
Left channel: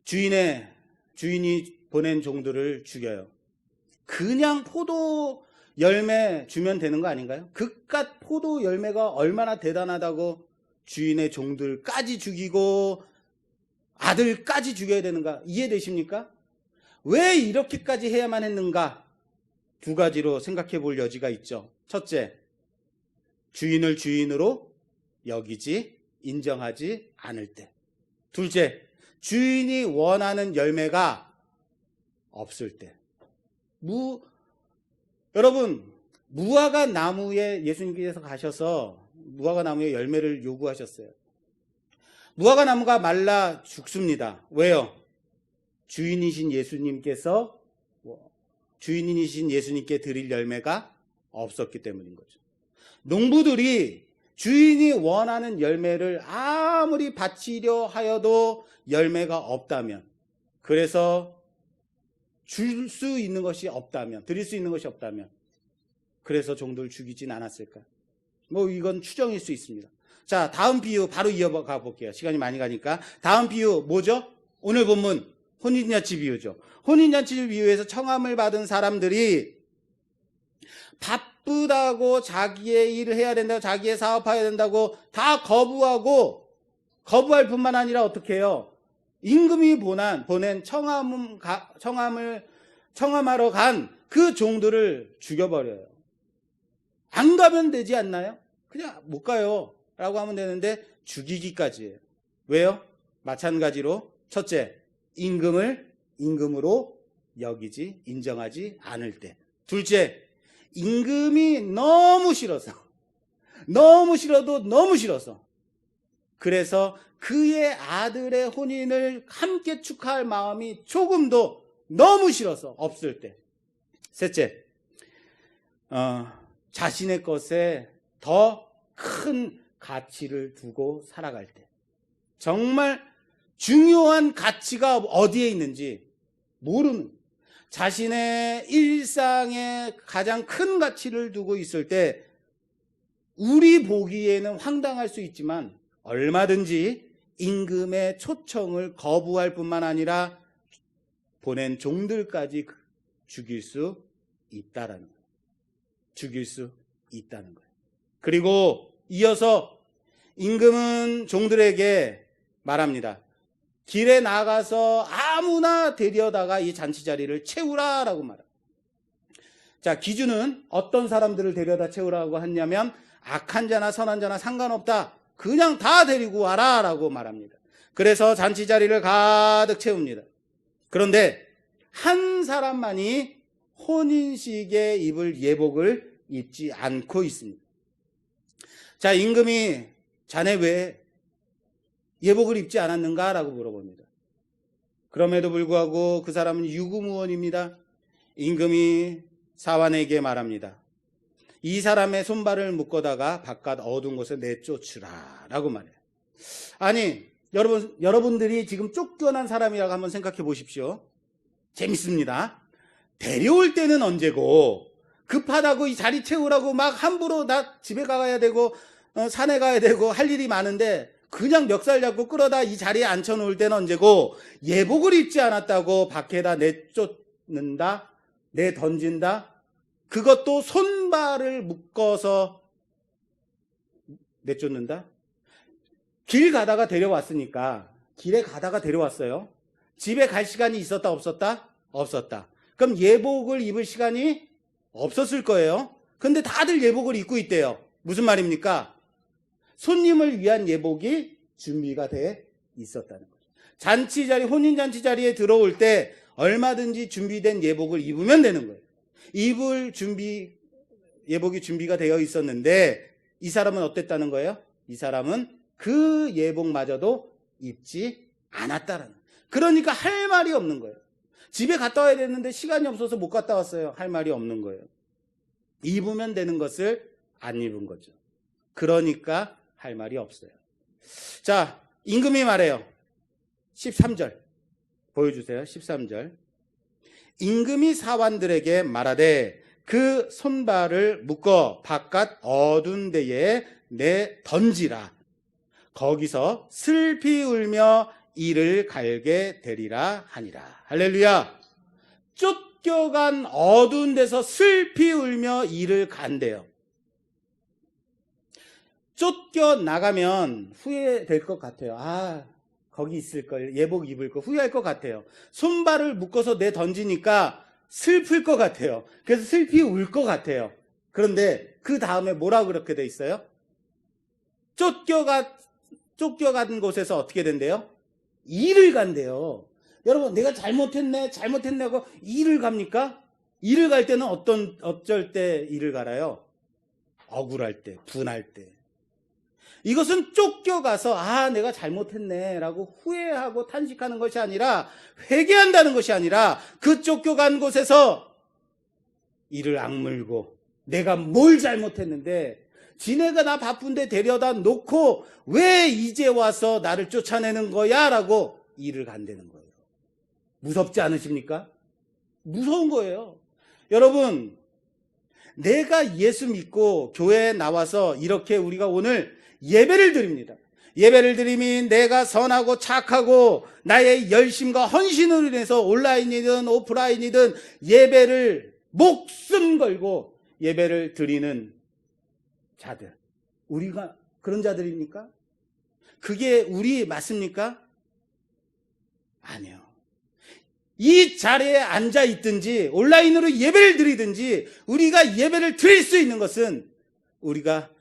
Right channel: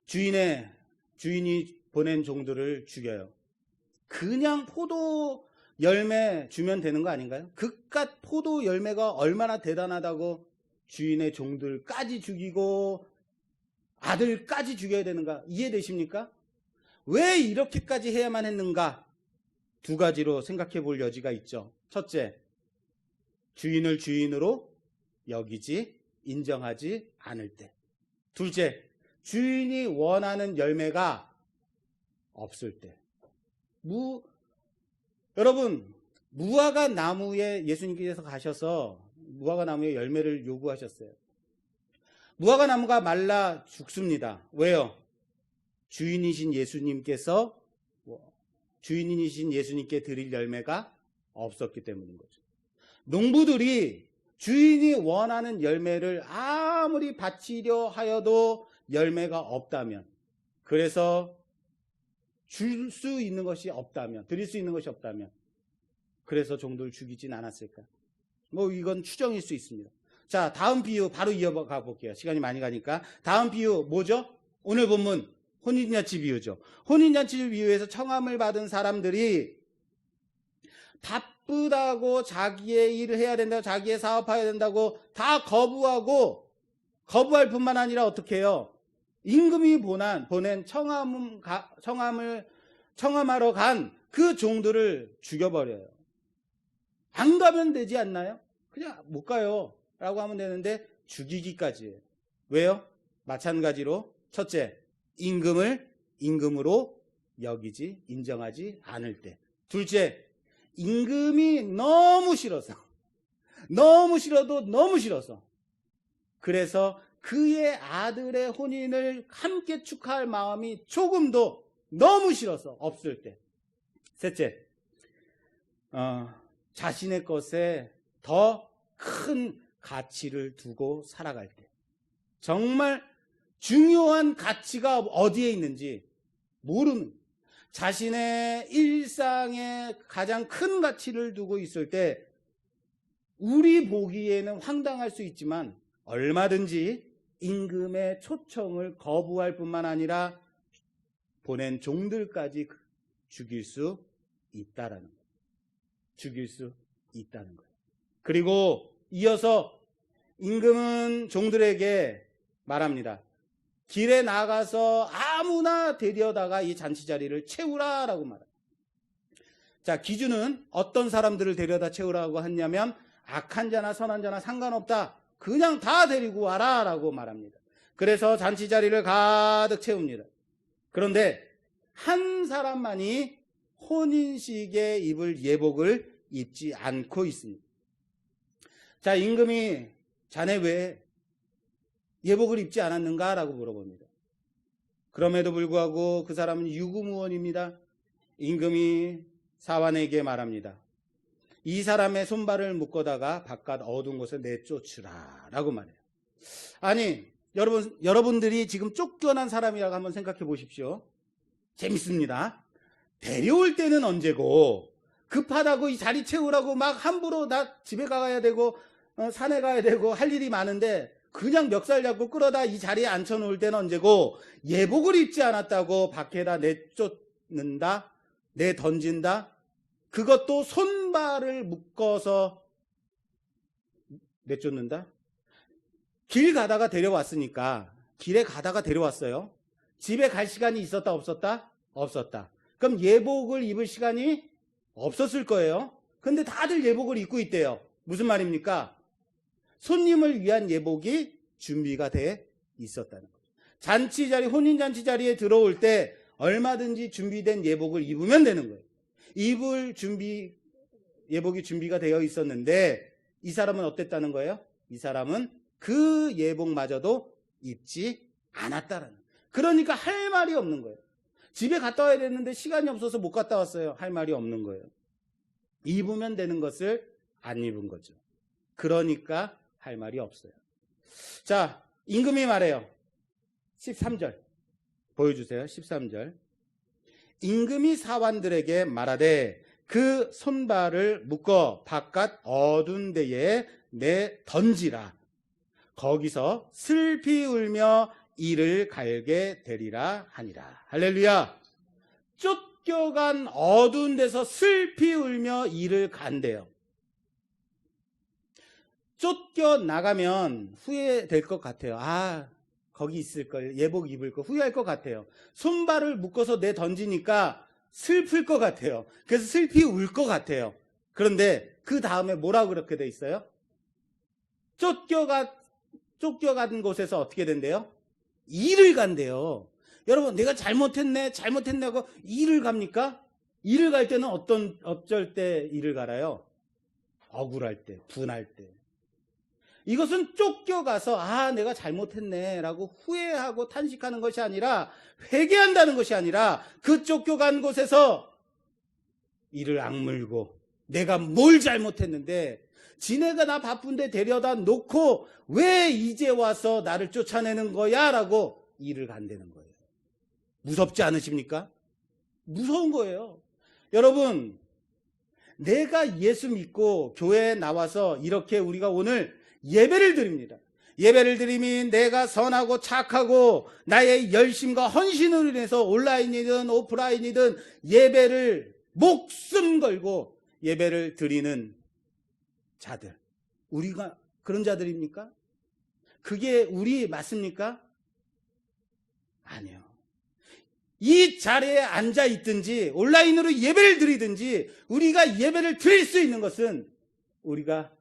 주인이 보낸 종들을 죽여요. 그냥 포도 열매 주면 되는 거 아닌가요? 그깟 포도 열매가 얼마나 대단하다고 주인의 종들까지 죽이고 아들까지 죽여야 되는가? 이해되십니까? 왜 이렇게까지 해야만 했는가? 두 가지로 생각해 볼 여지가 있죠. 첫째, 주인을 주인으로 여기지, 인정하지 않을 때. 둘째, 주인이 원하는 열매가 없을 때. 여러분, 무화과 나무에 예수님께서 가셔서 무화과 나무의 열매를 요구하셨어요. 무화과 나무가 말라 죽습니다. 왜요? 주인이신 예수님께 드릴 열매가 없었기 때문인 거죠. 농부들이 주인이 원하는 열매를 아무리 바치려 하여도 열매가 없다면, 그래서 줄 수 있는 것이 없다면, 드릴 수 있는 것이 없다면, 그래서 종들을 죽이진 않았을까? 뭐 이건 추정일 수 있습니다. 자, 다음 비유 바로 이어가 볼게요. 시간이 많이 가니까. 다음 비유 뭐죠? 오늘 본문 혼인잔치 비유죠. 혼인잔치 비유에서 청함을 받은 사람들이 바쁘다고 자기의 일을 해야 된다고, 자기의 사업해야 된다고 다 거부할 뿐만 아니라 어떻게 해요? 임금이 보낸 청함하러 간 그 종들을 죽여버려요. 안 가면 되지 않나요? 그냥 못 가요 라고 하면 되는데 죽이기까지 해요. 왜요? 마찬가지로 첫째, 임금으로 여기지, 인정하지 않을 때. 둘째, 임금이 너무 싫어도 너무 싫어서 그래서 그의 아들의 혼인을 함께 축하할 마음이 조금도 너무 싫어서 없을 때. 셋째, 자신의 것에 더 큰 가치를 두고 살아갈 때. 정말 중요한 가치가 어디에 있는지 모르는, 자신의 일상에 가장 큰 가치를 두고 있을 때 우리 보기에는 황당할 수 있지만 얼마든지 임금의 초청을 거부할 뿐만 아니라 보낸 종들까지 죽일 수 있다는 거예요. 그리고 이어서 임금은 종들에게 말합니다. 길에 나가서 아무나 데려다가 이 잔치 자리를 채우라라고 말합니다. 자, 기준은 어떤 사람들을 데려다 채우라고 했냐면 악한 자나 선한 자나 상관없다. 그냥 다 데리고 와라라고 말합니다. 그래서 잔치 자리를 가득 채웁니다. 그런데 한 사람만이 혼인식에 입을 예복을 입지 않고 있습니다. 자, 임금이 자네 왜 예복을 입지 않았는가? 라고 물어봅니다. 그럼에도 불구하고 그 사람은 유구무원입니다. 임금이 사환에게 말합니다. 이 사람의 손발을 묶어다가 바깥 어두운 곳에 내쫓으라 라고 말해요. 아니, 여러분들이 지금 쫓겨난 사람이라고 한번 생각해 보십시오. 재밌습니다. 데려올 때는 언제고, 급하다고 이 자리 채우라고 막 함부로 다 집에 가야 되고 산에 가야 되고 할 일이 많은데 그냥 멱살 잡고 끌어다 이 자리에 앉혀놓을 때는 언제고, 예복을 입지 않았다고 밖에다 내던진다? 그것도 손발을 묶어서 내쫓는다? 길에 가다가 데려왔어요. 집에 갈 시간이 있었다 없었다? 없었다. 그럼 예복을 입을 시간이 없었을 거예요. 근데 다들 예복을 입고 있대요. 무슨 말입니까? 손님을 위한 예복이 준비가 돼 있었다는 거죠. 잔치 자리, 혼인 잔치 자리에 들어올 때 얼마든지 준비된 예복을 입으면 되는 거예요. 예복이 준비가 되어 있었는데 이 사람은 어땠다는 거예요? 이 사람은 그 예복마저도 입지 않았다는 거예요. 그러니까 할 말이 없는 거예요. 집에 갔다 와야 되는데 시간이 없어서 못 갔다 왔어요. 할 말이 없는 거예요. 입으면 되는 것을 안 입은 거죠. 그러니까 할 말이 없어요. 자, 임금이 말해요. 13절 보여주세요. 13절. 임금이 사관들에게 말하되 그 손발을 묶어 바깥 어두운 데에 내 던지라. 거기서 슬피 울며 이를 갈게 되리라 하니라. 할렐루야. 쫓겨간 어두운 데서 슬피 울며 이를 간대요. 쫓겨나가면 후회될 것 같아요. 아, 거기 있을 걸, 예복 입을 거 후회할 것 같아요. 손발을 묶어서 내 던지니까 슬플 것 같아요. 그래서 슬피 울 것 같아요. 그런데 그 다음에 뭐라고 그렇게 돼 있어요? 쫓겨간 곳에서 어떻게 된대요? 일을 간대요. 여러분, 내가 잘못했네 하고 일을 갑니까? 일을 갈 때는 어쩔 때 일을 갈아요? 억울할 때, 분할 때. 이것은 쫓겨가서 아, 내가 잘못했네 라고 후회하고 탄식하는 것이 아니라, 회개한다는 것이 아니라 그 쫓겨간 곳에서 이를 악물고 내가 뭘 잘못했는데 지네가 나 바쁜데 데려다 놓고 왜 이제 와서 나를 쫓아내는 거야 라고 일을 간다는 거예요. 무섭지 않으십니까? 무서운 거예요. 여러분, 내가 예수 믿고 교회에 나와서 이렇게 우리가 오늘 예배를 드립니다. 예배를 드림이 내가 선하고 착하고 나의 열심과 헌신으로 인해서 온라인이든 오프라인이든 예배를 목숨 걸고 예배를 드리는 자들. 우리가 그런 자들입니까? 그게 우리 맞습니까? 아니요. 이 자리에 앉아 있든지 온라인으로 예배를 드리든지 우리가 예배를 드릴 수 있는 것은 우리가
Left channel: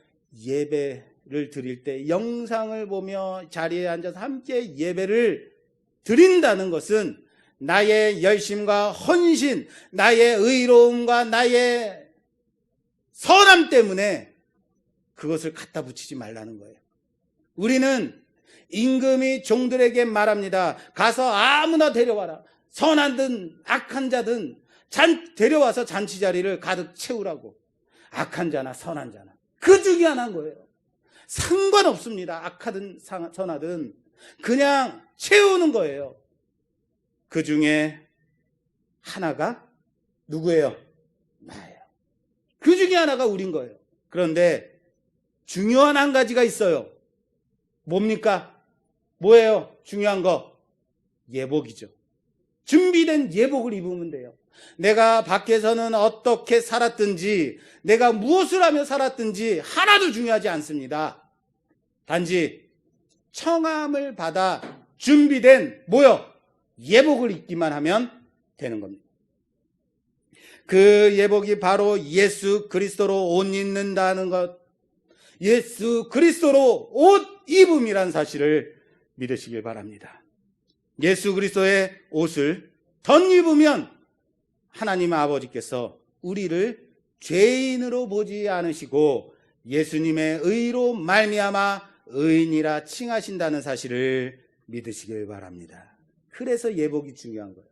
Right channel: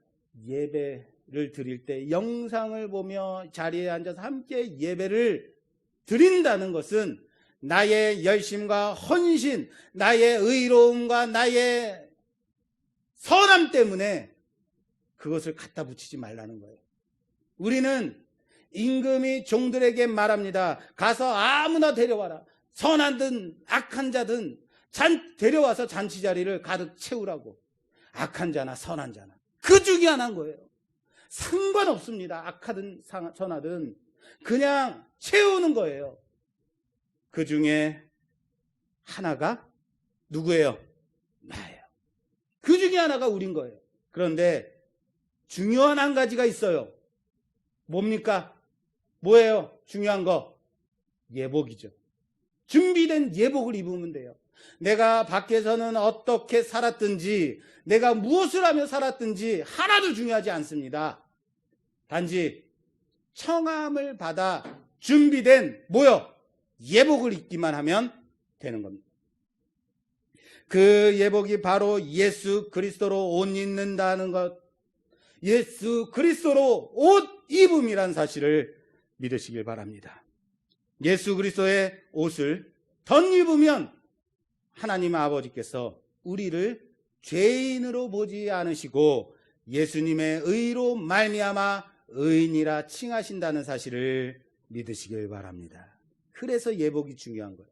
예배를 드릴 때 영상을 보며 자리에 앉아서 함께 예배를 드린다는 것은 나의 열심과 헌신, 나의 의로움과 나의 선함 때문에 그것을 갖다 붙이지 말라는 거예요. 우리는 임금이 종들에게 말합니다. 가서 아무나 데려와라. 선하든 악한 자든 데려와서 잔치 자리를 가득 채우라고. 악한 자나 선한 자나 그 중에 하나인 거예요. 상관없습니다. 악하든 선하든 그냥 채우는 거예요. 그 중에 하나가 누구예요? 나예요. 그 중에 하나가 우린 거예요. 그런데 중요한 한 가지가 있어요. 뭡니까? 뭐예요? 중요한 거. 예복이죠. 준비된 예복을 입으면 돼요. 내가 밖에서는 어떻게 살았든지 내가 무엇을 하며 살았든지 하나도 중요하지 않습니다. 단지 청함을 받아 준비된 뭐요? 예복을 입기만 하면 되는 겁니다. 그 예복이 바로 예수 그리스도로 옷 입는다는 것, 예수 그리스도로 옷 입음이라는 사실을 믿으시길 바랍니다. 예수 그리스도의 옷을 덧입으면 하나님 아버지께서 우리를 죄인으로 보지 않으시고 예수님의 의로 말미암아 의인이라 칭하신다는 사실을 믿으시길 바랍니다. 그래서 예복이 중요한 거예요.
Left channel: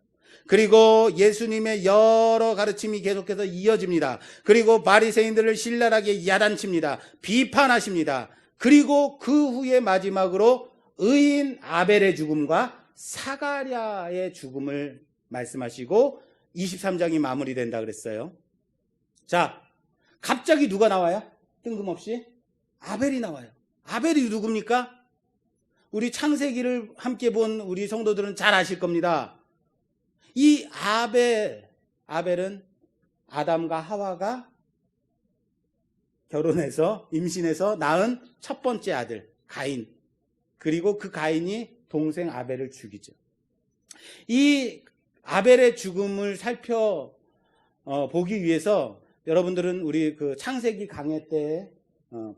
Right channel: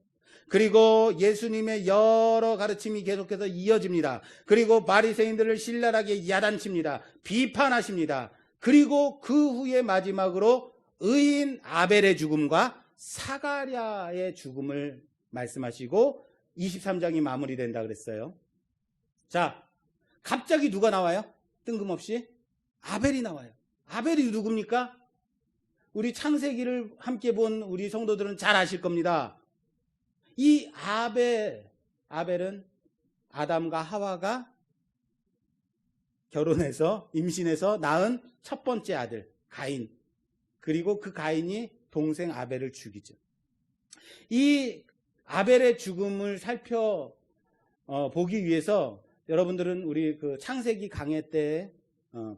그리고 예수님의 여러 가르침이 계속해서 이어집니다. 그리고 바리새인들을 신랄하게 야단칩니다. 비판하십니다. 그리고 그 후에 마지막으로 의인 아벨의 죽음과 사가랴의 죽음을 말씀하시고 23장이 마무리된다 그랬어요. 자, 갑자기 누가 나와요? 뜬금없이 아벨이 나와요. 아벨이 누굽니까? 우리 창세기를 함께 본 우리 성도들은 잘 아실 겁니다. 이 아벨은 아담과 하와가 결혼해서 임신해서 낳은 첫 번째 아들 가인. 그리고 그 가인이 동생 아벨을 죽이죠. 이 아벨의 죽음을 보기 위해서 여러분들은 우리 그 창세기 강해 때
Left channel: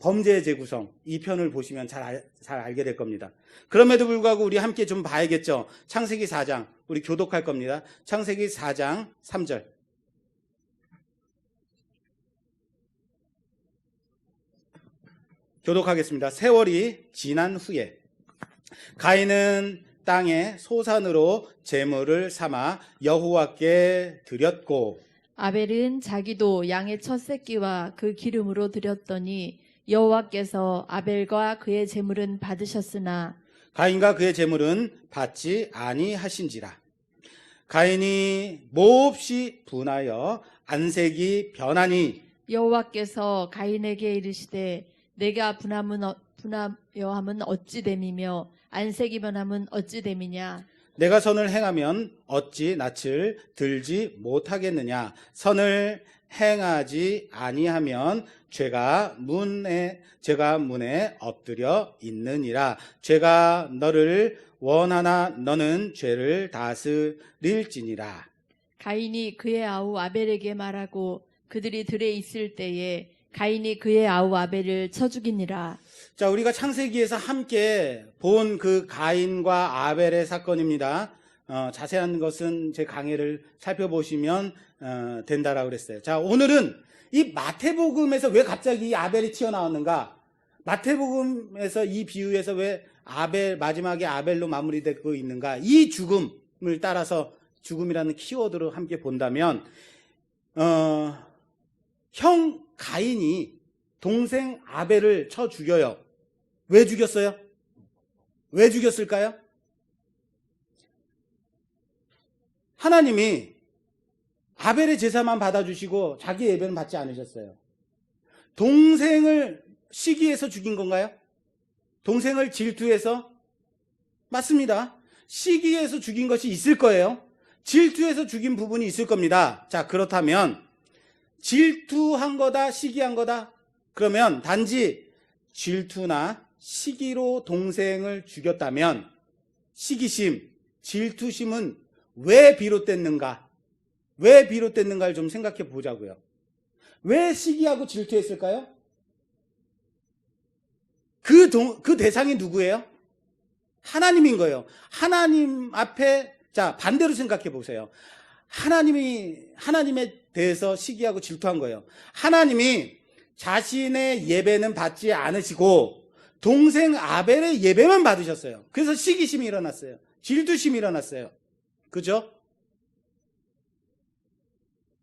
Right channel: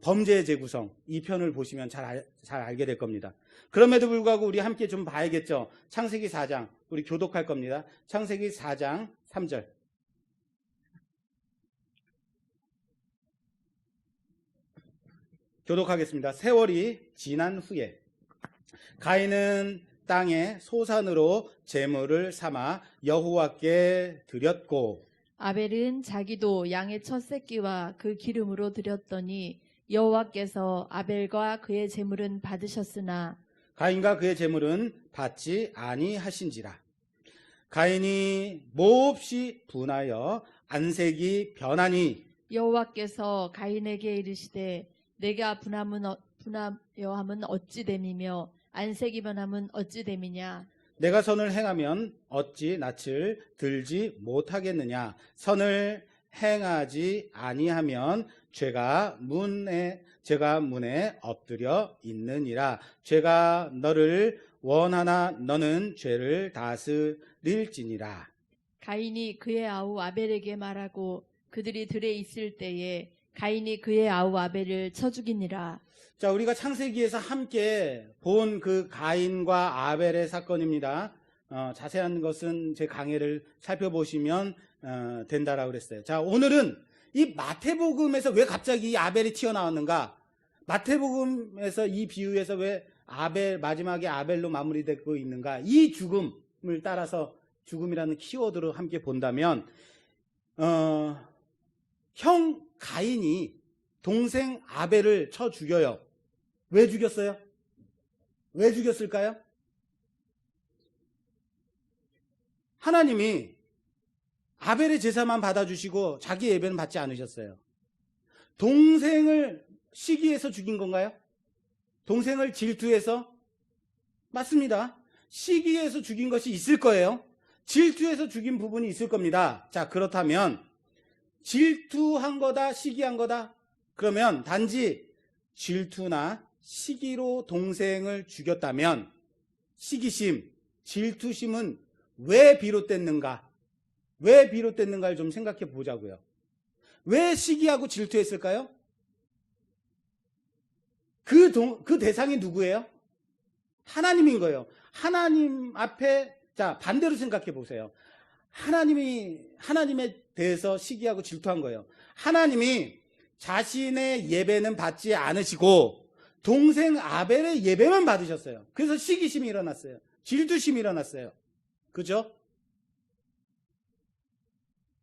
범죄의 재구성 이 편을 보시면 잘 알게 될 겁니다. 그럼에도 불구하고 우리 함께 좀 봐야겠죠. 창세기 4장 우리 교독할 겁니다. 창세기 4장 3절 교독하겠습니다. 세월이 지난 후에 가인은 땅에 소산으로 제물을 삼아 여호와께 드렸고 아벨은 자기도 양의 첫 새끼와 그 기름으로 드렸더니 여호와께서 아벨과 그의 제물은 받으셨으나 가인과 그의 제물은 받지 아니하신지라. 가인이 몹시 분하여 안색이 변하니 여호와께서 가인에게 이르시되 내가 분하여함은 어찌 됨이며 안색이 변함은 어찌 됨이냐. 내가 선을 행하면 어찌 낯을 들지 못하겠느냐. 선을 행하지 아니하면 죄가 문에 엎드려 있느니라. 죄가 너를 원하나 너는 죄를 다스릴지니라. 가인이 그의 아우 아벨에게 말하고 그들이 들에 있을 때에 가인이 그의 아우 아벨을 쳐 죽이니라. 자, 우리가 창세기에서 함께 본 그 가인과 아벨의 사건입니다. 자세한 것은 제 강해를 살펴보시면 된다라고 그랬어요. 자, 오늘은 이 마태복음에서 왜 갑자기 이 아벨이 튀어나왔는가? 마태복음에서 이 비유에서 왜 마지막에 아벨로 마무리되고 있는가? 이 죽음을 따라서 죽음이라는 키워드로 함께 본다면 형 가인이 동생 아벨을 쳐 죽여요. 왜 죽였어요? 왜 죽였을까요? 하나님이 아벨의 제사만 받아주시고 자기 예배는 받지 않으셨어요. 동생을 시기해서 죽인 건가요? 동생을 질투해서? 맞습니다. 시기해서 죽인 것이 있을 거예요. 질투해서 죽인 부분이 있을 겁니다. 자, 그렇다면 질투한 거다, 시기한 거다? 그러면 단지 질투나 시기로 동생을 죽였다면 시기심, 질투심은 왜 비롯됐는가? 왜 비롯됐는가를 좀 생각해 보자고요. 왜 시기하고 질투했을까요? 그 대상이 누구예요? 하나님인 거예요. 하나님 앞에, 자, 반대로 생각해 보세요. 하나님에 대해서 시기하고 질투한 거예요. 하나님이 자신의 예배는 받지 않으시고 동생 아벨의 예배만 받으셨어요. 그래서 시기심이 일어났어요. 질투심이 일어났어요. 그죠?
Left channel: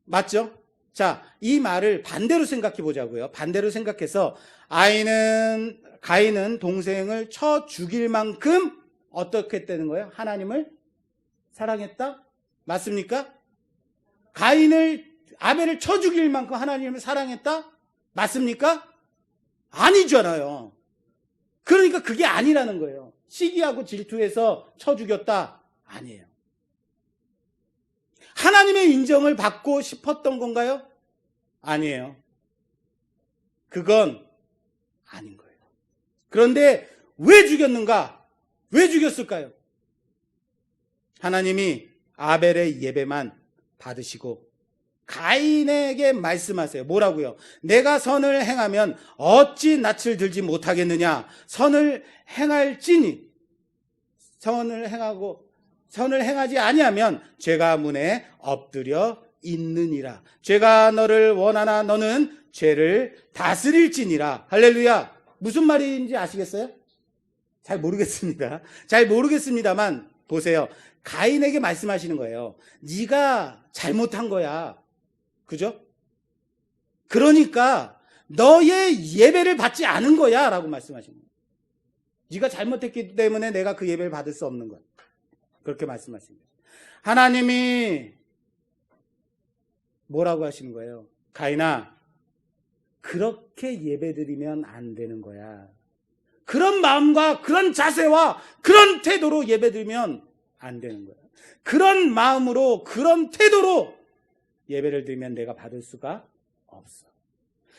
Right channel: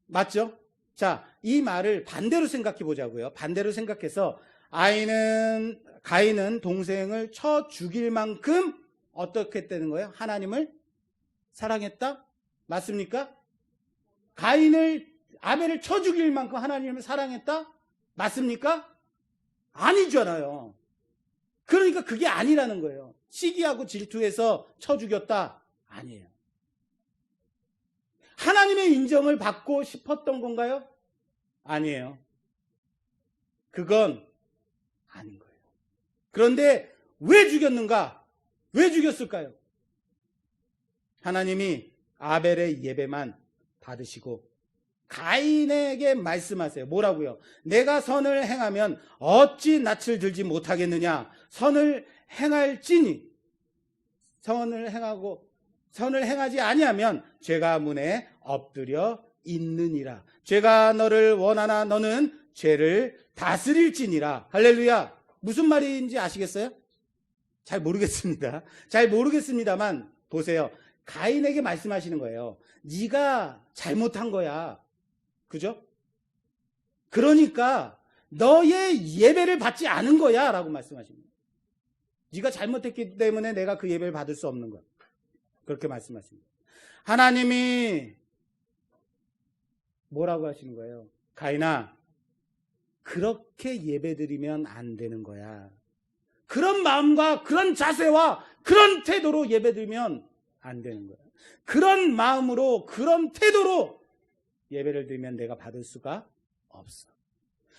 맞죠? 자, 이 말을 반대로 생각해 보자고요. 반대로 생각해서 가인은 동생을 쳐 죽일 만큼 어떻게 했다는 거예요? 하나님을 사랑했다? 맞습니까? 아벨을 쳐 죽일 만큼 하나님을 사랑했다? 맞습니까? 아니잖아요. 그러니까 그게 아니라는 거예요. 시기하고 질투해서 쳐 죽였다? 아니에요. 하나님의 인정을 받고 싶었던 건가요? 아니에요. 그건 아닌 거예요. 그런데 왜 죽였는가? 왜 죽였을까요? 하나님이 아벨의 예배만 받으시고 가인에게 말씀하세요. 뭐라고요? 내가 선을 행하면 어찌 낯을 들지 못하겠느냐? 선을 행하지 아니하면 죄가 문에 엎드려 있느니라. 죄가 너를 원하나 너는 죄를 다스릴지니라. 할렐루야. 무슨 말인지 아시겠어요? 잘 모르겠습니다. 잘 모르겠습니다만 보세요. 가인에게 말씀하시는 거예요. 네가 잘못한 거야. 그죠? 그러니까 너의 예배를 받지 않은 거야 라고 말씀하십니다. 네가 잘못했기 때문에 내가 그 예배를 받을 수 없는 거야. 그렇게 말씀하십니다. 하나님이 뭐라고 하시는 거예요? 가인아, 그렇게 예배드리면 안 되는 거야. 그런 마음과 그런 자세와 그런 태도로 예배드리면 안 되는 거야. 그런 마음으로 그런 태도로 예배를 드리면 내가 받을 수가 없어.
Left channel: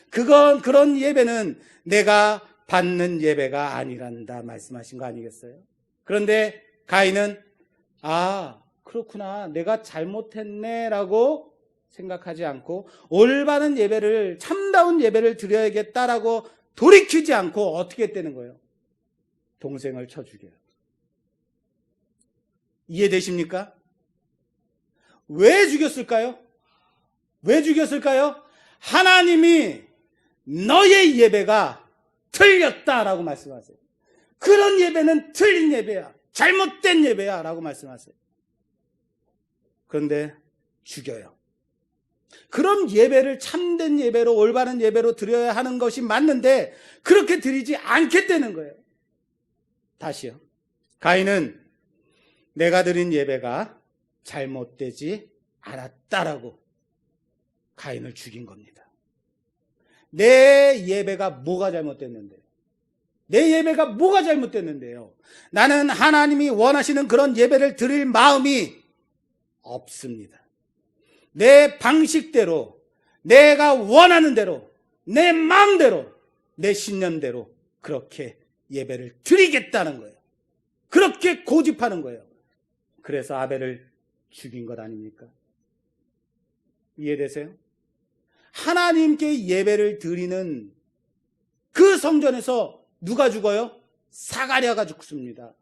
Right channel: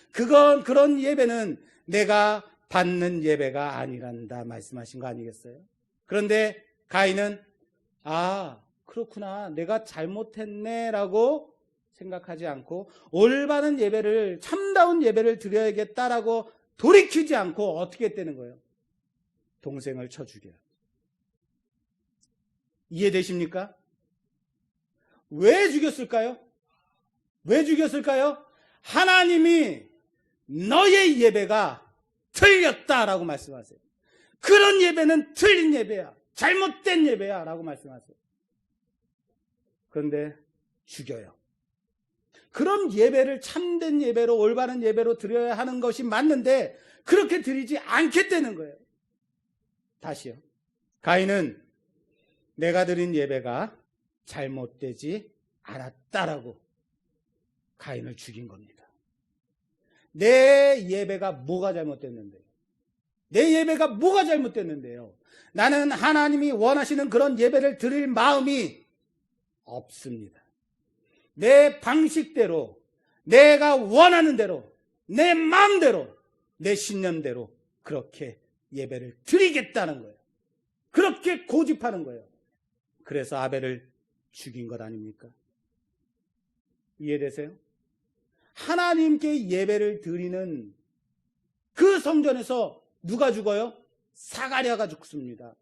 그런 예배는 내가 받는 예배가 아니란다 말씀하신 거 아니겠어요? 그런데 가인은 그렇구나, 내가 잘못했네 라고 생각하지 않고 올바른 예배를, 참다운 예배를 드려야겠다라고 돌이키지 않고 어떻게 했다는 거예요? 동생을 쳐 죽여요. 이해되십니까? 왜 죽였을까요? 왜 죽였을까요? 하나님이 너의 예배가 틀렸다라고 말씀하세요. 그런 예배는 틀린 예배야, 잘못된 예배야 라고 말씀하세요. 그런데 죽여요. 그런 예배를 참된 예배로, 올바른 예배로 드려야 하는 것이 맞는데 그렇게 드리지 않겠다는 거예요. 다시요. 가인은 내가 드린 예배가 잘못되지 않았다라고 가인을 죽인 겁니다. 내 예배가 뭐가 잘못됐는데요? 내 예배가 뭐가 잘못됐는데요? 나는 하나님이 원하시는 그런 예배를 드릴 마음이 없습니다. 내 방식대로, 내가 원하는 대로, 내 마음대로, 내 신념대로 그렇게 예배를 드리겠다는 거예요. 그렇게 고집하는 거예요. 그래서 아벨을 죽인 것 아닙니까? 이해되세요? 하나님께 예배를 드리는 그 성전에서 누가 죽어요? 사가랴가 죽습니다.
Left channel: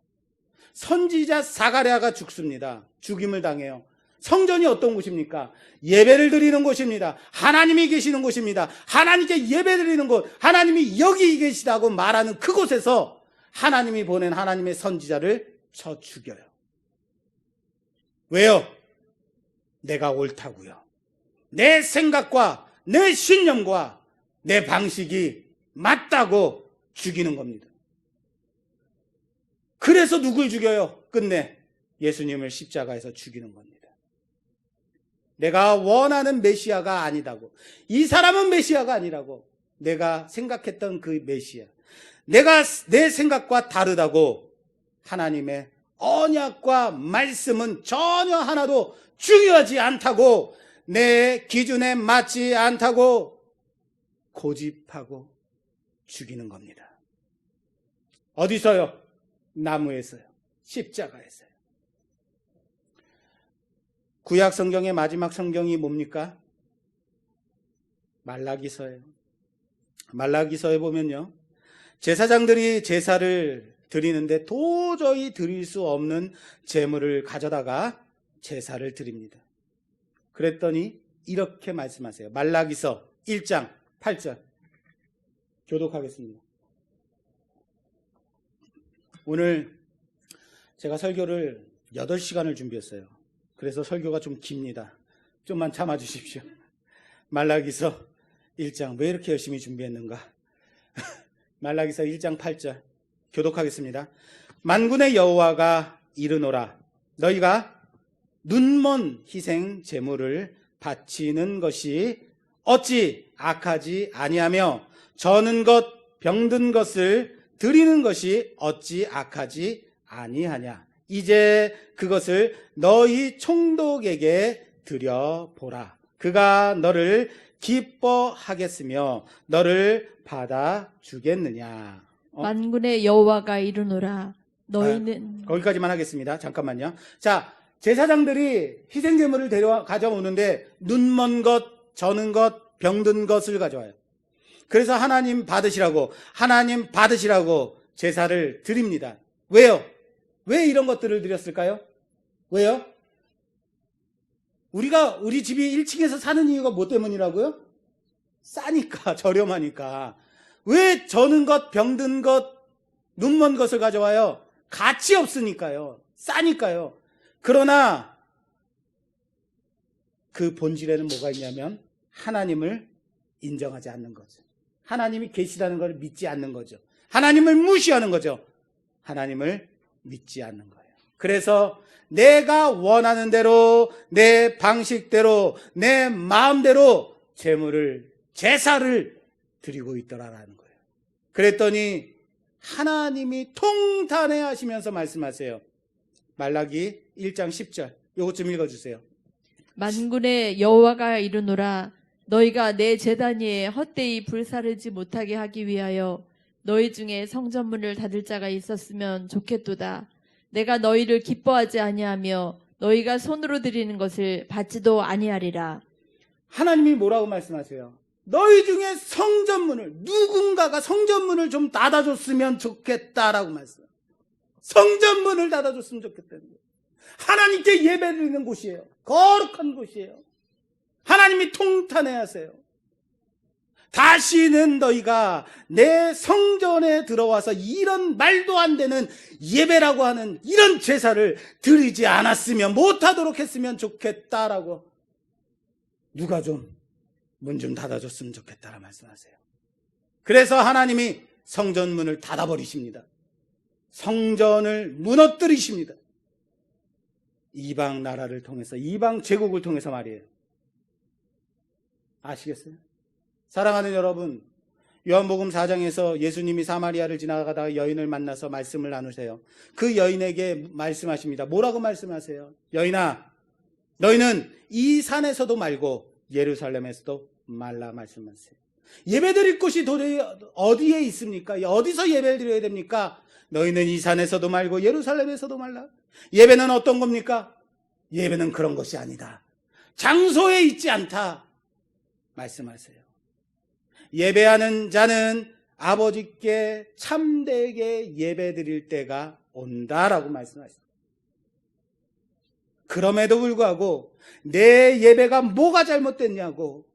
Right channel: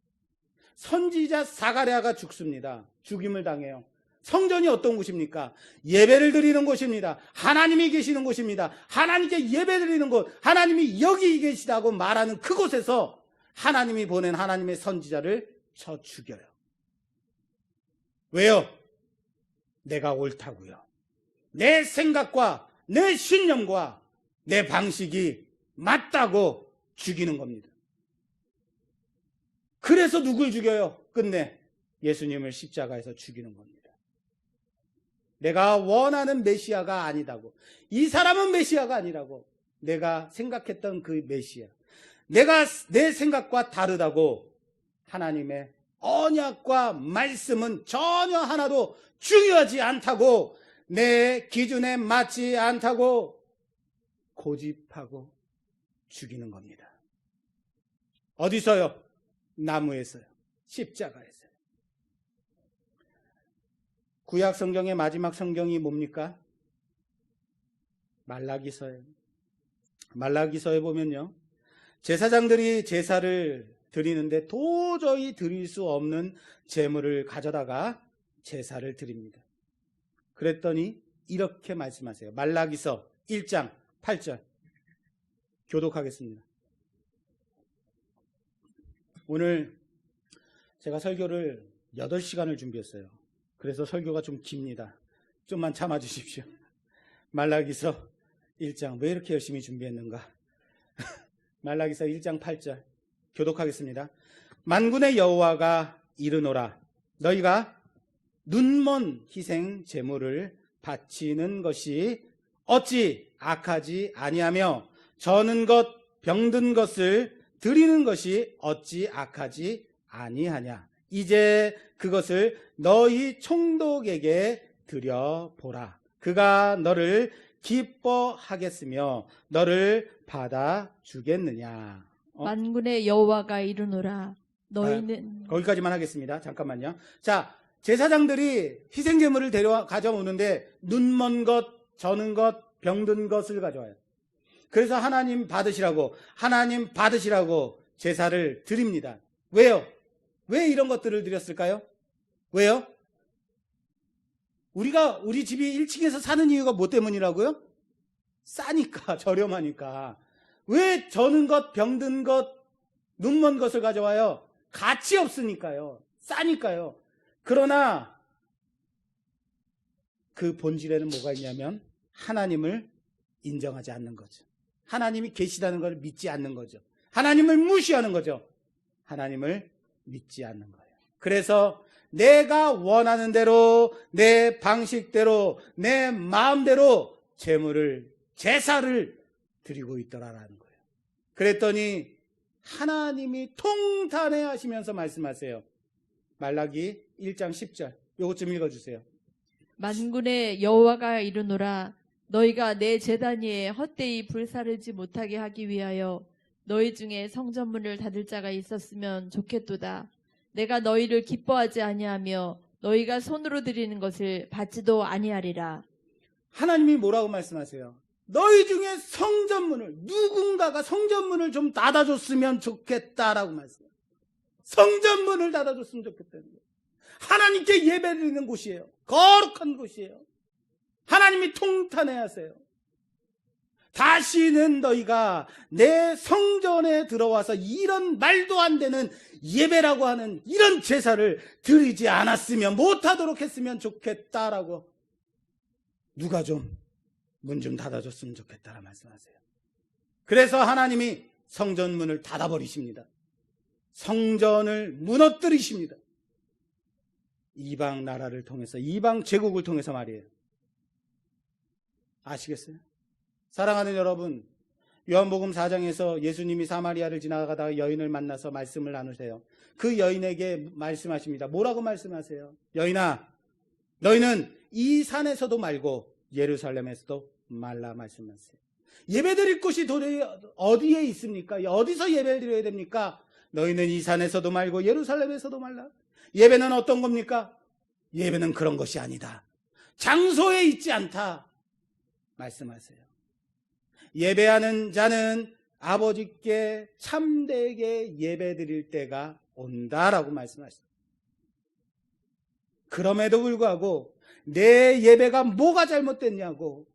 선지자 사가랴가 죽습니다. 죽임을 당해요. 성전이 어떤 곳입니까? 예배를 드리는 곳입니다. 하나님이 계시는 곳입니다. 하나님께 예배 드리는 곳, 하나님이 여기 계시다고 말하는 그곳에서 하나님이 보낸 하나님의 선지자를 쳐 죽여요. 왜요? 내가 옳다고요. 내 생각과 내 신념과 내 방식이 맞다고 죽이는 겁니다. 그래서 누굴 죽여요? 끝내 예수님을 십자가에서 죽이는 겁니다. 내가 원하는 메시아가 아니다고, 이 사람은 메시아가 아니라고, 내가 생각했던 그 메시아, 내 생각과 다르다고 하나님의 언약과 말씀은 전혀 하나도 중요하지 않다고, 내 기준에 맞지 않다고 고집하고 죽이는 겁니다. 어디서요? 나무에서요. 십자가에서요. 구약 성경의 마지막 성경이 뭡니까? 말라기서예요. 말라기서에 보면요, 제사장들이 제사를 드리는데 도저히 드릴 수 없는 제물을 가져다가 제사를 드립니다. 그랬더니 이렇게 말씀하세요. 말라기서 1장 8절 교독하겠습니다. 오늘 제가 설교를 8시간을 준비했어요. 그래서 설교가 좀 깁니다. 좀만 참아주십시오. 말라기서 1장, 왜 이렇게 열심히 준비했는가? 말라기서 1장 8절 교독하겠습니다. 만군의 여호와가 이르노라, 너희가 눈먼 희생 제물을 바치는 것이 어찌 악하지 아니하며 저는 것 병든 것을 드리는 것이 어찌 악하지 아니하냐. 이제 그것을 너희 총독에게 드려보라. 그가 너를 기뻐하겠으며 너를 받아주겠느냐. 만군의 여호와가 이르노라, 너희는 거기까지만 하겠습니다. 잠깐만요. 자, 제사장들이 희생제물을 가져오는데 눈먼 것, 저는 것, 병든 것을 가져와요. 그래서 하나님 받으시라고 제사를 드립니다. 왜요? 왜 이런 것들을 드렸을까요? 왜요? 우리 집이 1층에서 사는 이유가 뭐 때문이라고요? 싸니까, 저렴하니까. 왜 저는 것, 병든 것, 눈먼 것을 가져와요? 가치 없으니까요. 싸니까요. 그러나 그 본질에는 뭐가 있냐면 하나님을 인정하지 않는 거죠. 하나님이 계시다는 걸 믿지 않는 거죠. 하나님을 무시하는 거죠. 하나님을 믿지 않는 거예요. 그래서 내가 원하는 대로, 내 방식대로, 내 마음대로 제사를 드리고 있더라라는 거예요. 그랬더니 하나님이 통탄해 하시면서 말씀하세요. 말라기 1장 10절. 요것 좀 읽어주세요. 만군의 여호와가 이르노라, 너희가 내 제단 위에 헛되이 불사르지 못하게 하기 위하여 너희 중에 성전문을 닫을 자가 있었으면 좋겠도다. 내가 너희를 기뻐하지 아니하며 너희가 손으로 드리는 것을 받지도 아니하리라. 하나님이 뭐라고 말씀하세요? 너희 중에 성전문을, 누군가가 성전문을 좀 닫아줬으면 좋겠다라고 말씀해요. 성전문을 닫아줬으면 좋겠다는 거예요. 하나님께 예배드리는 곳이에요. 거룩한 곳이에요. 하나님이 통탄해야 하세요. 다시는 너희가 내 성전에 들어와서 이런 말도 안 되는 예배라고 하는 이런 제사를 드리지 않았으면, 못하도록 했으면 좋겠다라고 누가 좀 문 좀 닫아줬으면 좋겠다라고 말씀하세요. 그래서 하나님이 성전 문을 닫아버리십니다. 성전을 무너뜨리십니다. 이방 나라를 통해서, 이방 제국을 통해서 말이에요. 아시겠어요? 사랑하는 여러분, 요한복음 4장에서 예수님이 사마리아를 지나가다가 여인을 만나서 말씀을 나누세요. 그 여인에게 말씀하십니다. 뭐라고 말씀하세요? 여인아, 너희는 이 산에서도 말고 예루살렘에서도 말라 말씀하세요. 예배드릴 곳이 어디에 있습니까? 어디서 예배를 드려야 됩니까? 너희는 이 산에서도 말고 예루살렘에서도 말라. 예배는 어떤 겁니까? 예배는 그런 것이 아니다. 장소에 있지 않다 말씀하세요. 예배하는 자는 아버지께 참되게 예배드릴 때가 온다라고 말씀하셨습니다. 그럼에도 불구하고 내 예배가 뭐가 잘못됐냐고,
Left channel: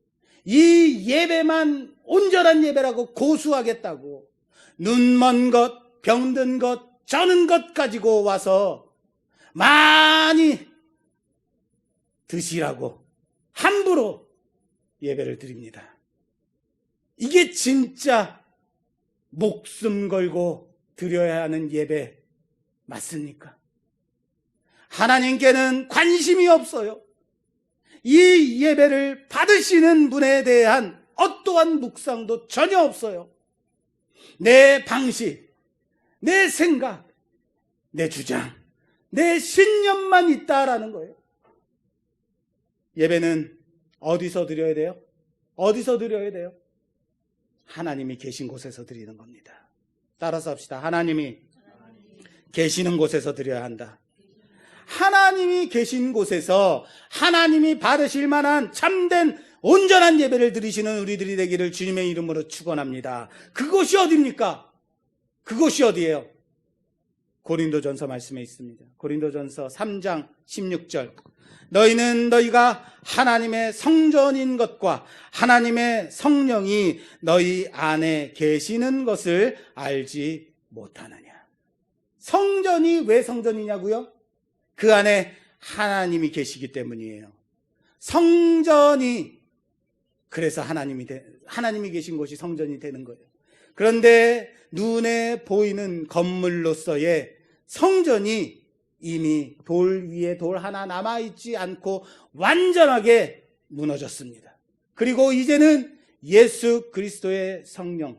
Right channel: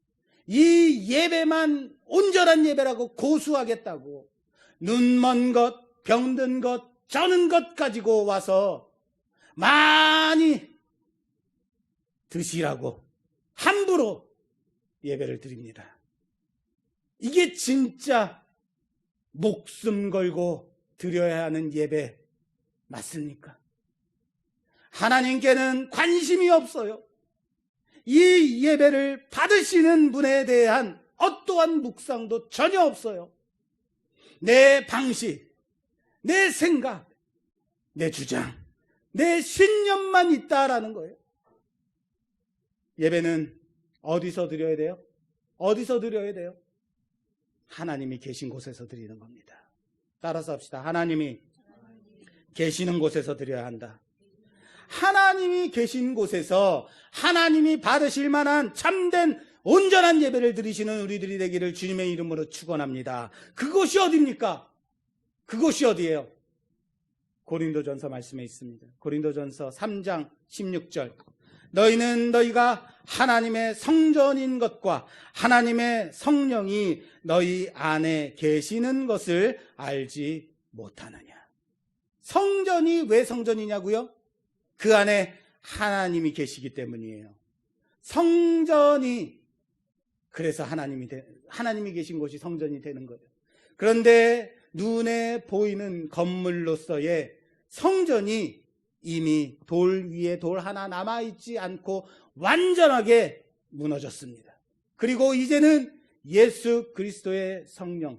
이 예배만 온전한 예배라고 고수하겠다고 눈먼 것, 병든 것, 저는 것 가지고 와서 많이 드시라고 함부로 예배를 드립니다. 이게 진짜 목숨 걸고 드려야 하는 예배 맞습니까? 하나님께는 관심이 없어요. 이 예배를 받으시는 분에 대한 어떠한 묵상도 전혀 없어요. 내 방식, 내 생각, 내 주장, 내 신념만 있다라는 거예요. 예배는 어디서 드려야 돼요? 어디서 드려야 돼요? 하나님이 계신 곳에서 드리는 겁니다. 따라서 합시다. 하나님이 계시는 곳에서 드려야 한다. 하나님이 계신 곳에서 하나님이 받으실 만한 참된 온전한 예배를 드리시는 우리들이 되기를 주님의 이름으로 축원합니다. 그곳이 어디입니까? 그곳이 어디예요? 고린도전서 말씀에 있습니다. 고린도전서 3장 16절. 너희는 너희가 하나님의 성전인 것과 하나님의 성령이 너희 안에 계시는 것을 알지 못하느냐. 성전이 왜 성전이냐고요? 그 안에 하나님이 계시기 때문이에요. 성전이, 그래서 하나님이 계신 곳이 성전이 되는 거예요. 그런데 눈에 보이는 건물로서의 성전이 이미 돌 위에 돌 하나 남아있지 않고 완전하게 무너졌습니다. 그리고 이제는 예수 그리스도의 성령,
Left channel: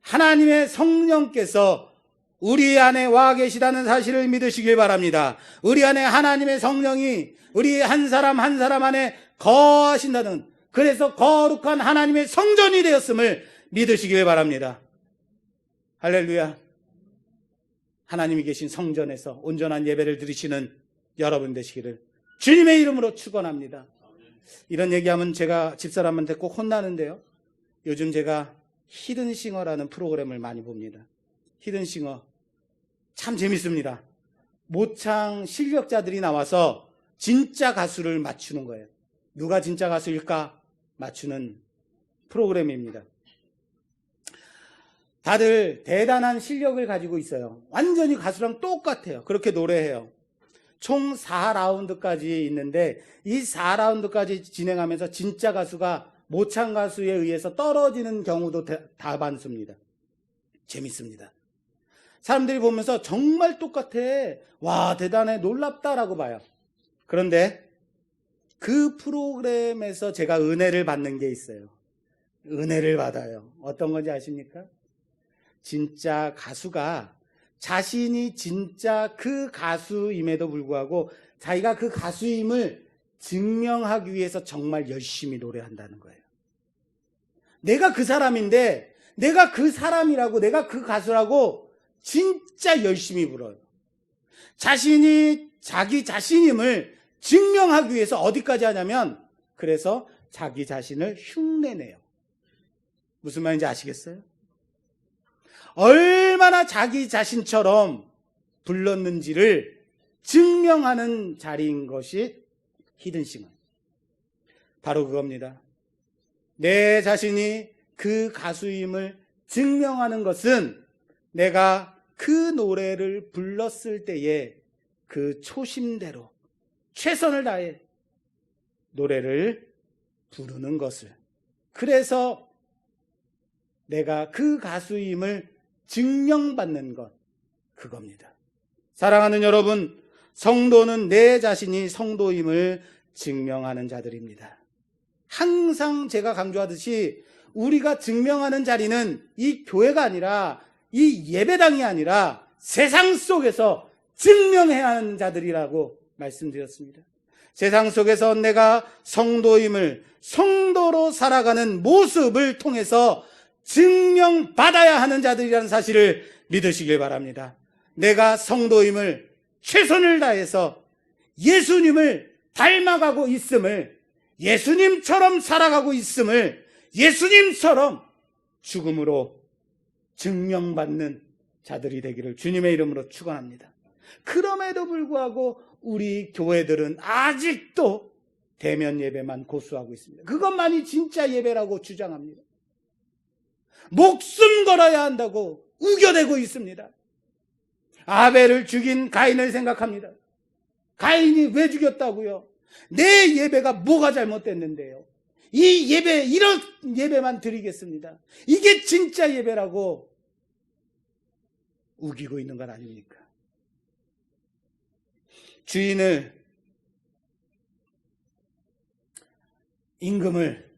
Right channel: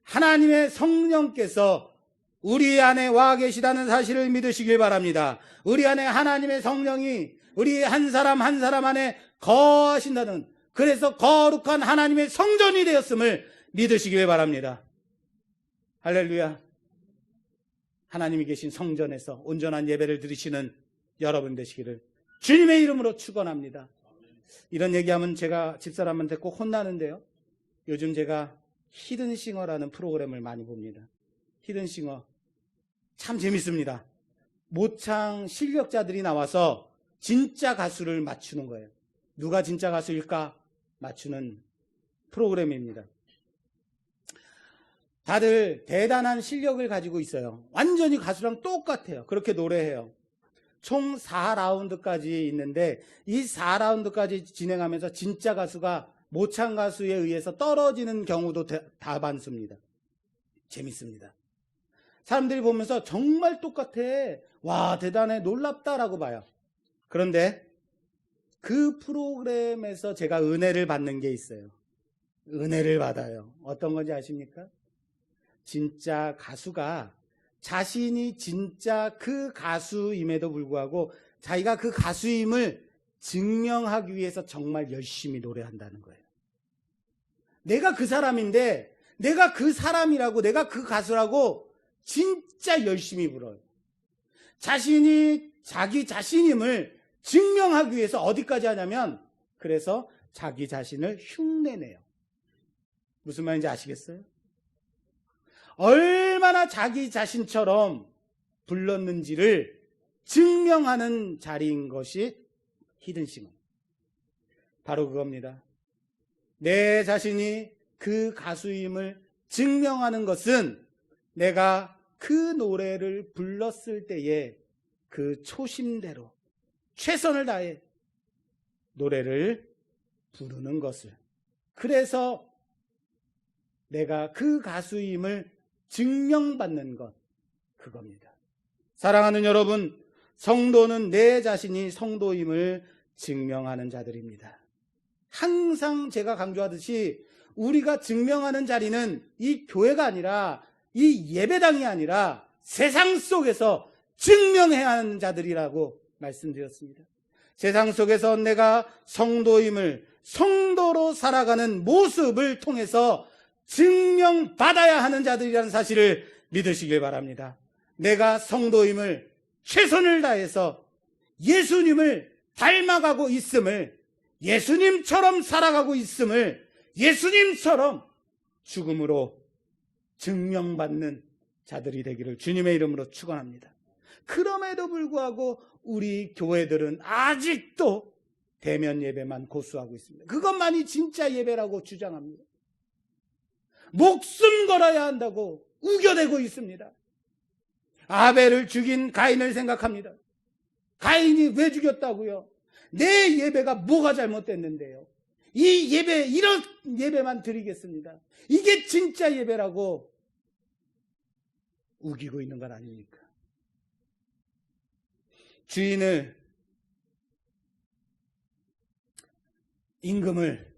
하나님의 성령께서 우리 안에 와 계시다는 사실을 믿으시길 바랍니다. 우리 안에 하나님의 성령이 우리 한 사람 한 사람 안에 거하신다는, 그래서 거룩한 하나님의 성전이 되었음을 믿으시길 바랍니다. 할렐루야. 하나님이 계신 성전에서 온전한 예배를 드리시는 여러분 되시기를 주님의 이름으로 축원합니다. 이런 얘기하면 제가 집사람한테 꼭 혼나는데요. 요즘 제가 히든싱어라는 프로그램을 많이 봅니다. 히든싱어 참 재밌습니다. 모창 실력자들이 나와서 진짜 가수를 맞추는 거예요. 누가 진짜 가수일까 맞추는 프로그램입니다. 다들 대단한 실력을 가지고 있어요. 완전히 가수랑 똑같아요. 그렇게 노래해요. 총 4라운드까지 있는데 이 4라운드까지 진행하면서 진짜 가수가 모창 가수에 의해서 떨어지는 경우도 다반수입니다. 재밌습니다. 사람들이 보면서 정말 똑같아, 와 대단해, 놀랍다라고 봐요. 그런데 그 프로그램에서 제가 은혜를 받는 게 있어요. 은혜를 받아요. 어떤 건지 아십니까? 진짜 가수가 자신이 진짜 그 가수임에도 불구하고 자기가 그 가수임을 증명하기 위해서 정말 열심히 노래한다는 거예요. 내가 그 사람인데, 내가 그 사람이라고, 내가 그 가수라고 진짜 열심히 불어요. 자신이 자기 자신임을 증명하기 위해서 어디까지 하냐면, 그래서 자기 자신을 흉내내요. 무슨 말인지 아시겠어요? 얼마나 자기 자신처럼 불렀는지를 증명하는 자리인 것이 히든싱어. 바로 그겁니다. 내 자신이 그 가수임을 증명하는 것은 내가 그 노래를 불렀을 때에 그 초심대로 최선을 다해 노래를 부르는 것을, 그래서 내가 그 가수임을 증명받는 것, 그겁니다. 사랑하는 여러분, 성도는 내 자신이 성도임을 증명하는 자들입니다. 항상 제가 강조하듯이 우리가 증명하는 자리는 이 교회가 아니라, 이 예배당이 아니라 세상 속에서 증명해야 하는 자들이라고 말씀드렸습니다. 세상 속에서 내가 성도임을, 성도로 살아가는 모습을 통해서 증명받아야 하는 자들이라는 사실을 믿으시길 바랍니다. 내가 성도임을 최선을 다해서 예수님을 닮아가고 있음을, 예수님처럼 살아가고 있음을, 예수님처럼 죽음으로 증명받는 자들이 되기를 주님의 이름으로 축원합니다. 그럼에도 불구하고 우리 교회들은 아직도 대면 예배만 고수하고 있습니다. 그것만이 진짜 예배라고 주장합니다. 목숨 걸어야 한다고 우겨대고 있습니다. 아벨을 죽인 가인을 생각합니다. 가인이 왜 죽였다고요? 내 예배가 뭐가 잘못됐는데요? 이 예배, 이런 예배만 드리겠습니다. 이게 진짜 예배라고 우기고 있는 것 아닙니까? 주인을, 임금을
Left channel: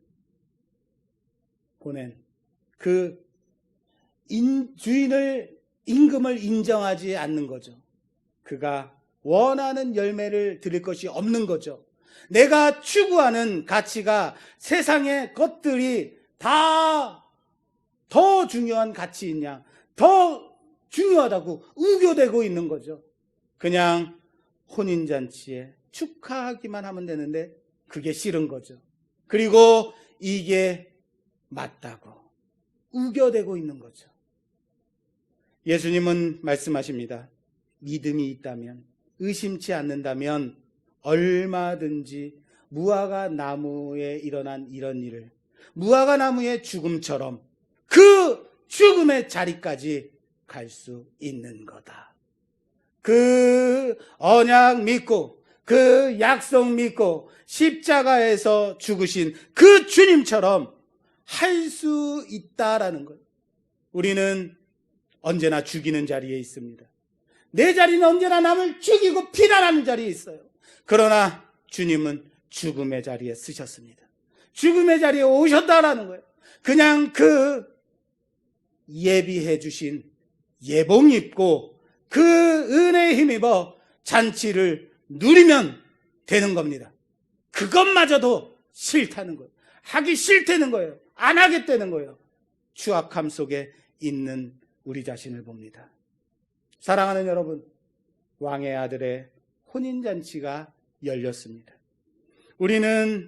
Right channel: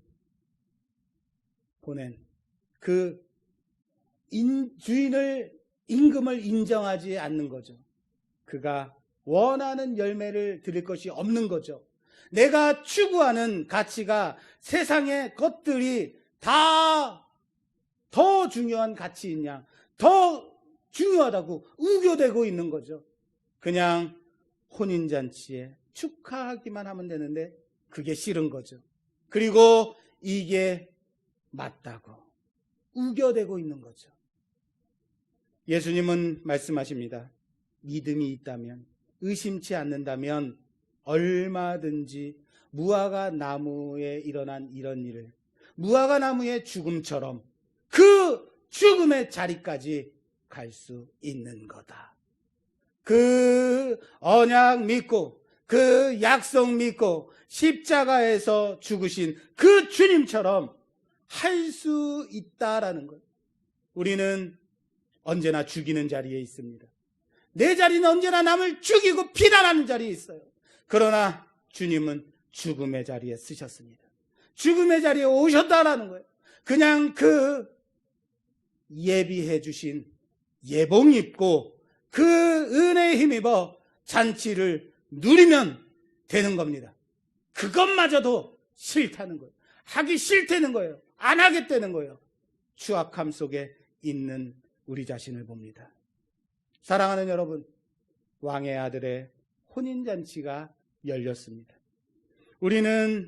보낸 그 주인을, 임금을 인정하지 않는 거죠. 그가 원하는 열매를 드릴 것이 없는 거죠. 내가 추구하는 가치가, 세상의 것들이 다 더 중요한 가치인 양, 더 중요하다고 우겨대고 있는 거죠. 그냥 혼인잔치에 축하하기만 하면 되는데 그게 싫은 거죠. 그리고 이게 맞다고 우겨대고 있는 거죠. 예수님은 말씀하십니다. 믿음이 있다면, 의심치 않는다면 얼마든지 무화과 나무에 일어난 이런 일을, 무화과 나무의 죽음처럼 그 죽음의 자리까지 갈 수 있는 거다. 그 언약 믿고, 그 약속 믿고 십자가에서 죽으신 그 주님처럼 할 수 있다라는 것. 우리는 언제나 죽이는 자리에 있습니다. 내 자리는 언제나 남을 죽이고 비난하는 자리에 있어요. 그러나 주님은 죽음의 자리에 쓰셨습니다. 죽음의 자리에 오셨다라는 거예요. 그냥 그 예비해 주신 예복 입고 그 은혜에 힘입어 잔치를 누리면 되는 겁니다. 그것마저도 싫다는 거예요. 하기 싫다는 거예요. 안 하겠다는 거예요. 추악함 속에 있는 우리 자신을 봅니다. 사랑하는 여러분, 왕의 아들의 혼인잔치가 열렸습니다. 우리는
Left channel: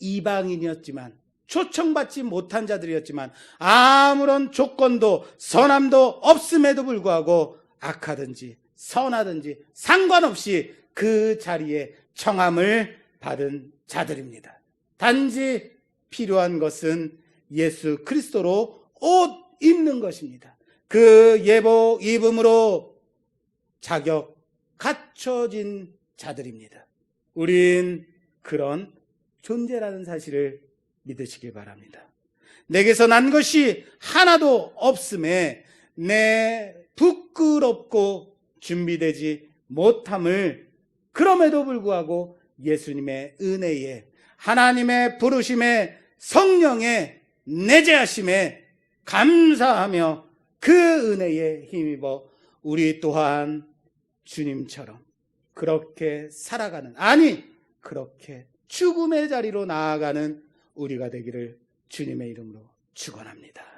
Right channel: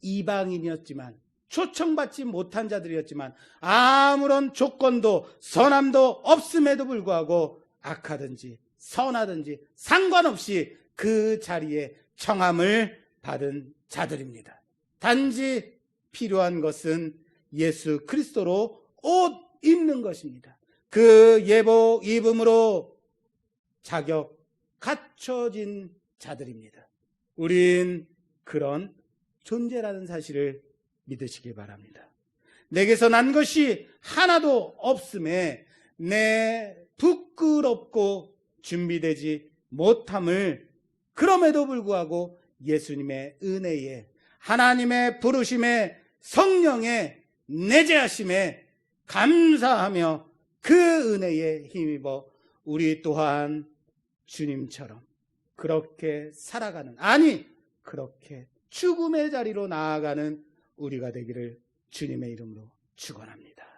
이방인이었지만, 초청받지 못한 자들이었지만, 아무런 조건도 선함도 없음에도 불구하고 악하든지 선하든지 상관없이 그 자리에 청함을 받은 자들입니다. 단지 필요한 것은 예수 그리스도로 옷 입는 것입니다. 그 예복 입음으로 자격 갖춰진 자들입니다. 우린 그런 존재라는 사실을 믿으시길 바랍니다. 내게서 난 것이 하나도 없음에 내 부끄럽고 준비되지 못함을, 그럼에도 불구하고 예수님의 은혜에, 하나님의 부르심에, 성령의 내재하심에 감사하며 그 은혜에 힘입어 우리 또한 주님처럼 그렇게 살아가는, 아니 그렇게 죽음의 자리로 나아가는 우리가 되기를 주님의 이름으로 축원합니다.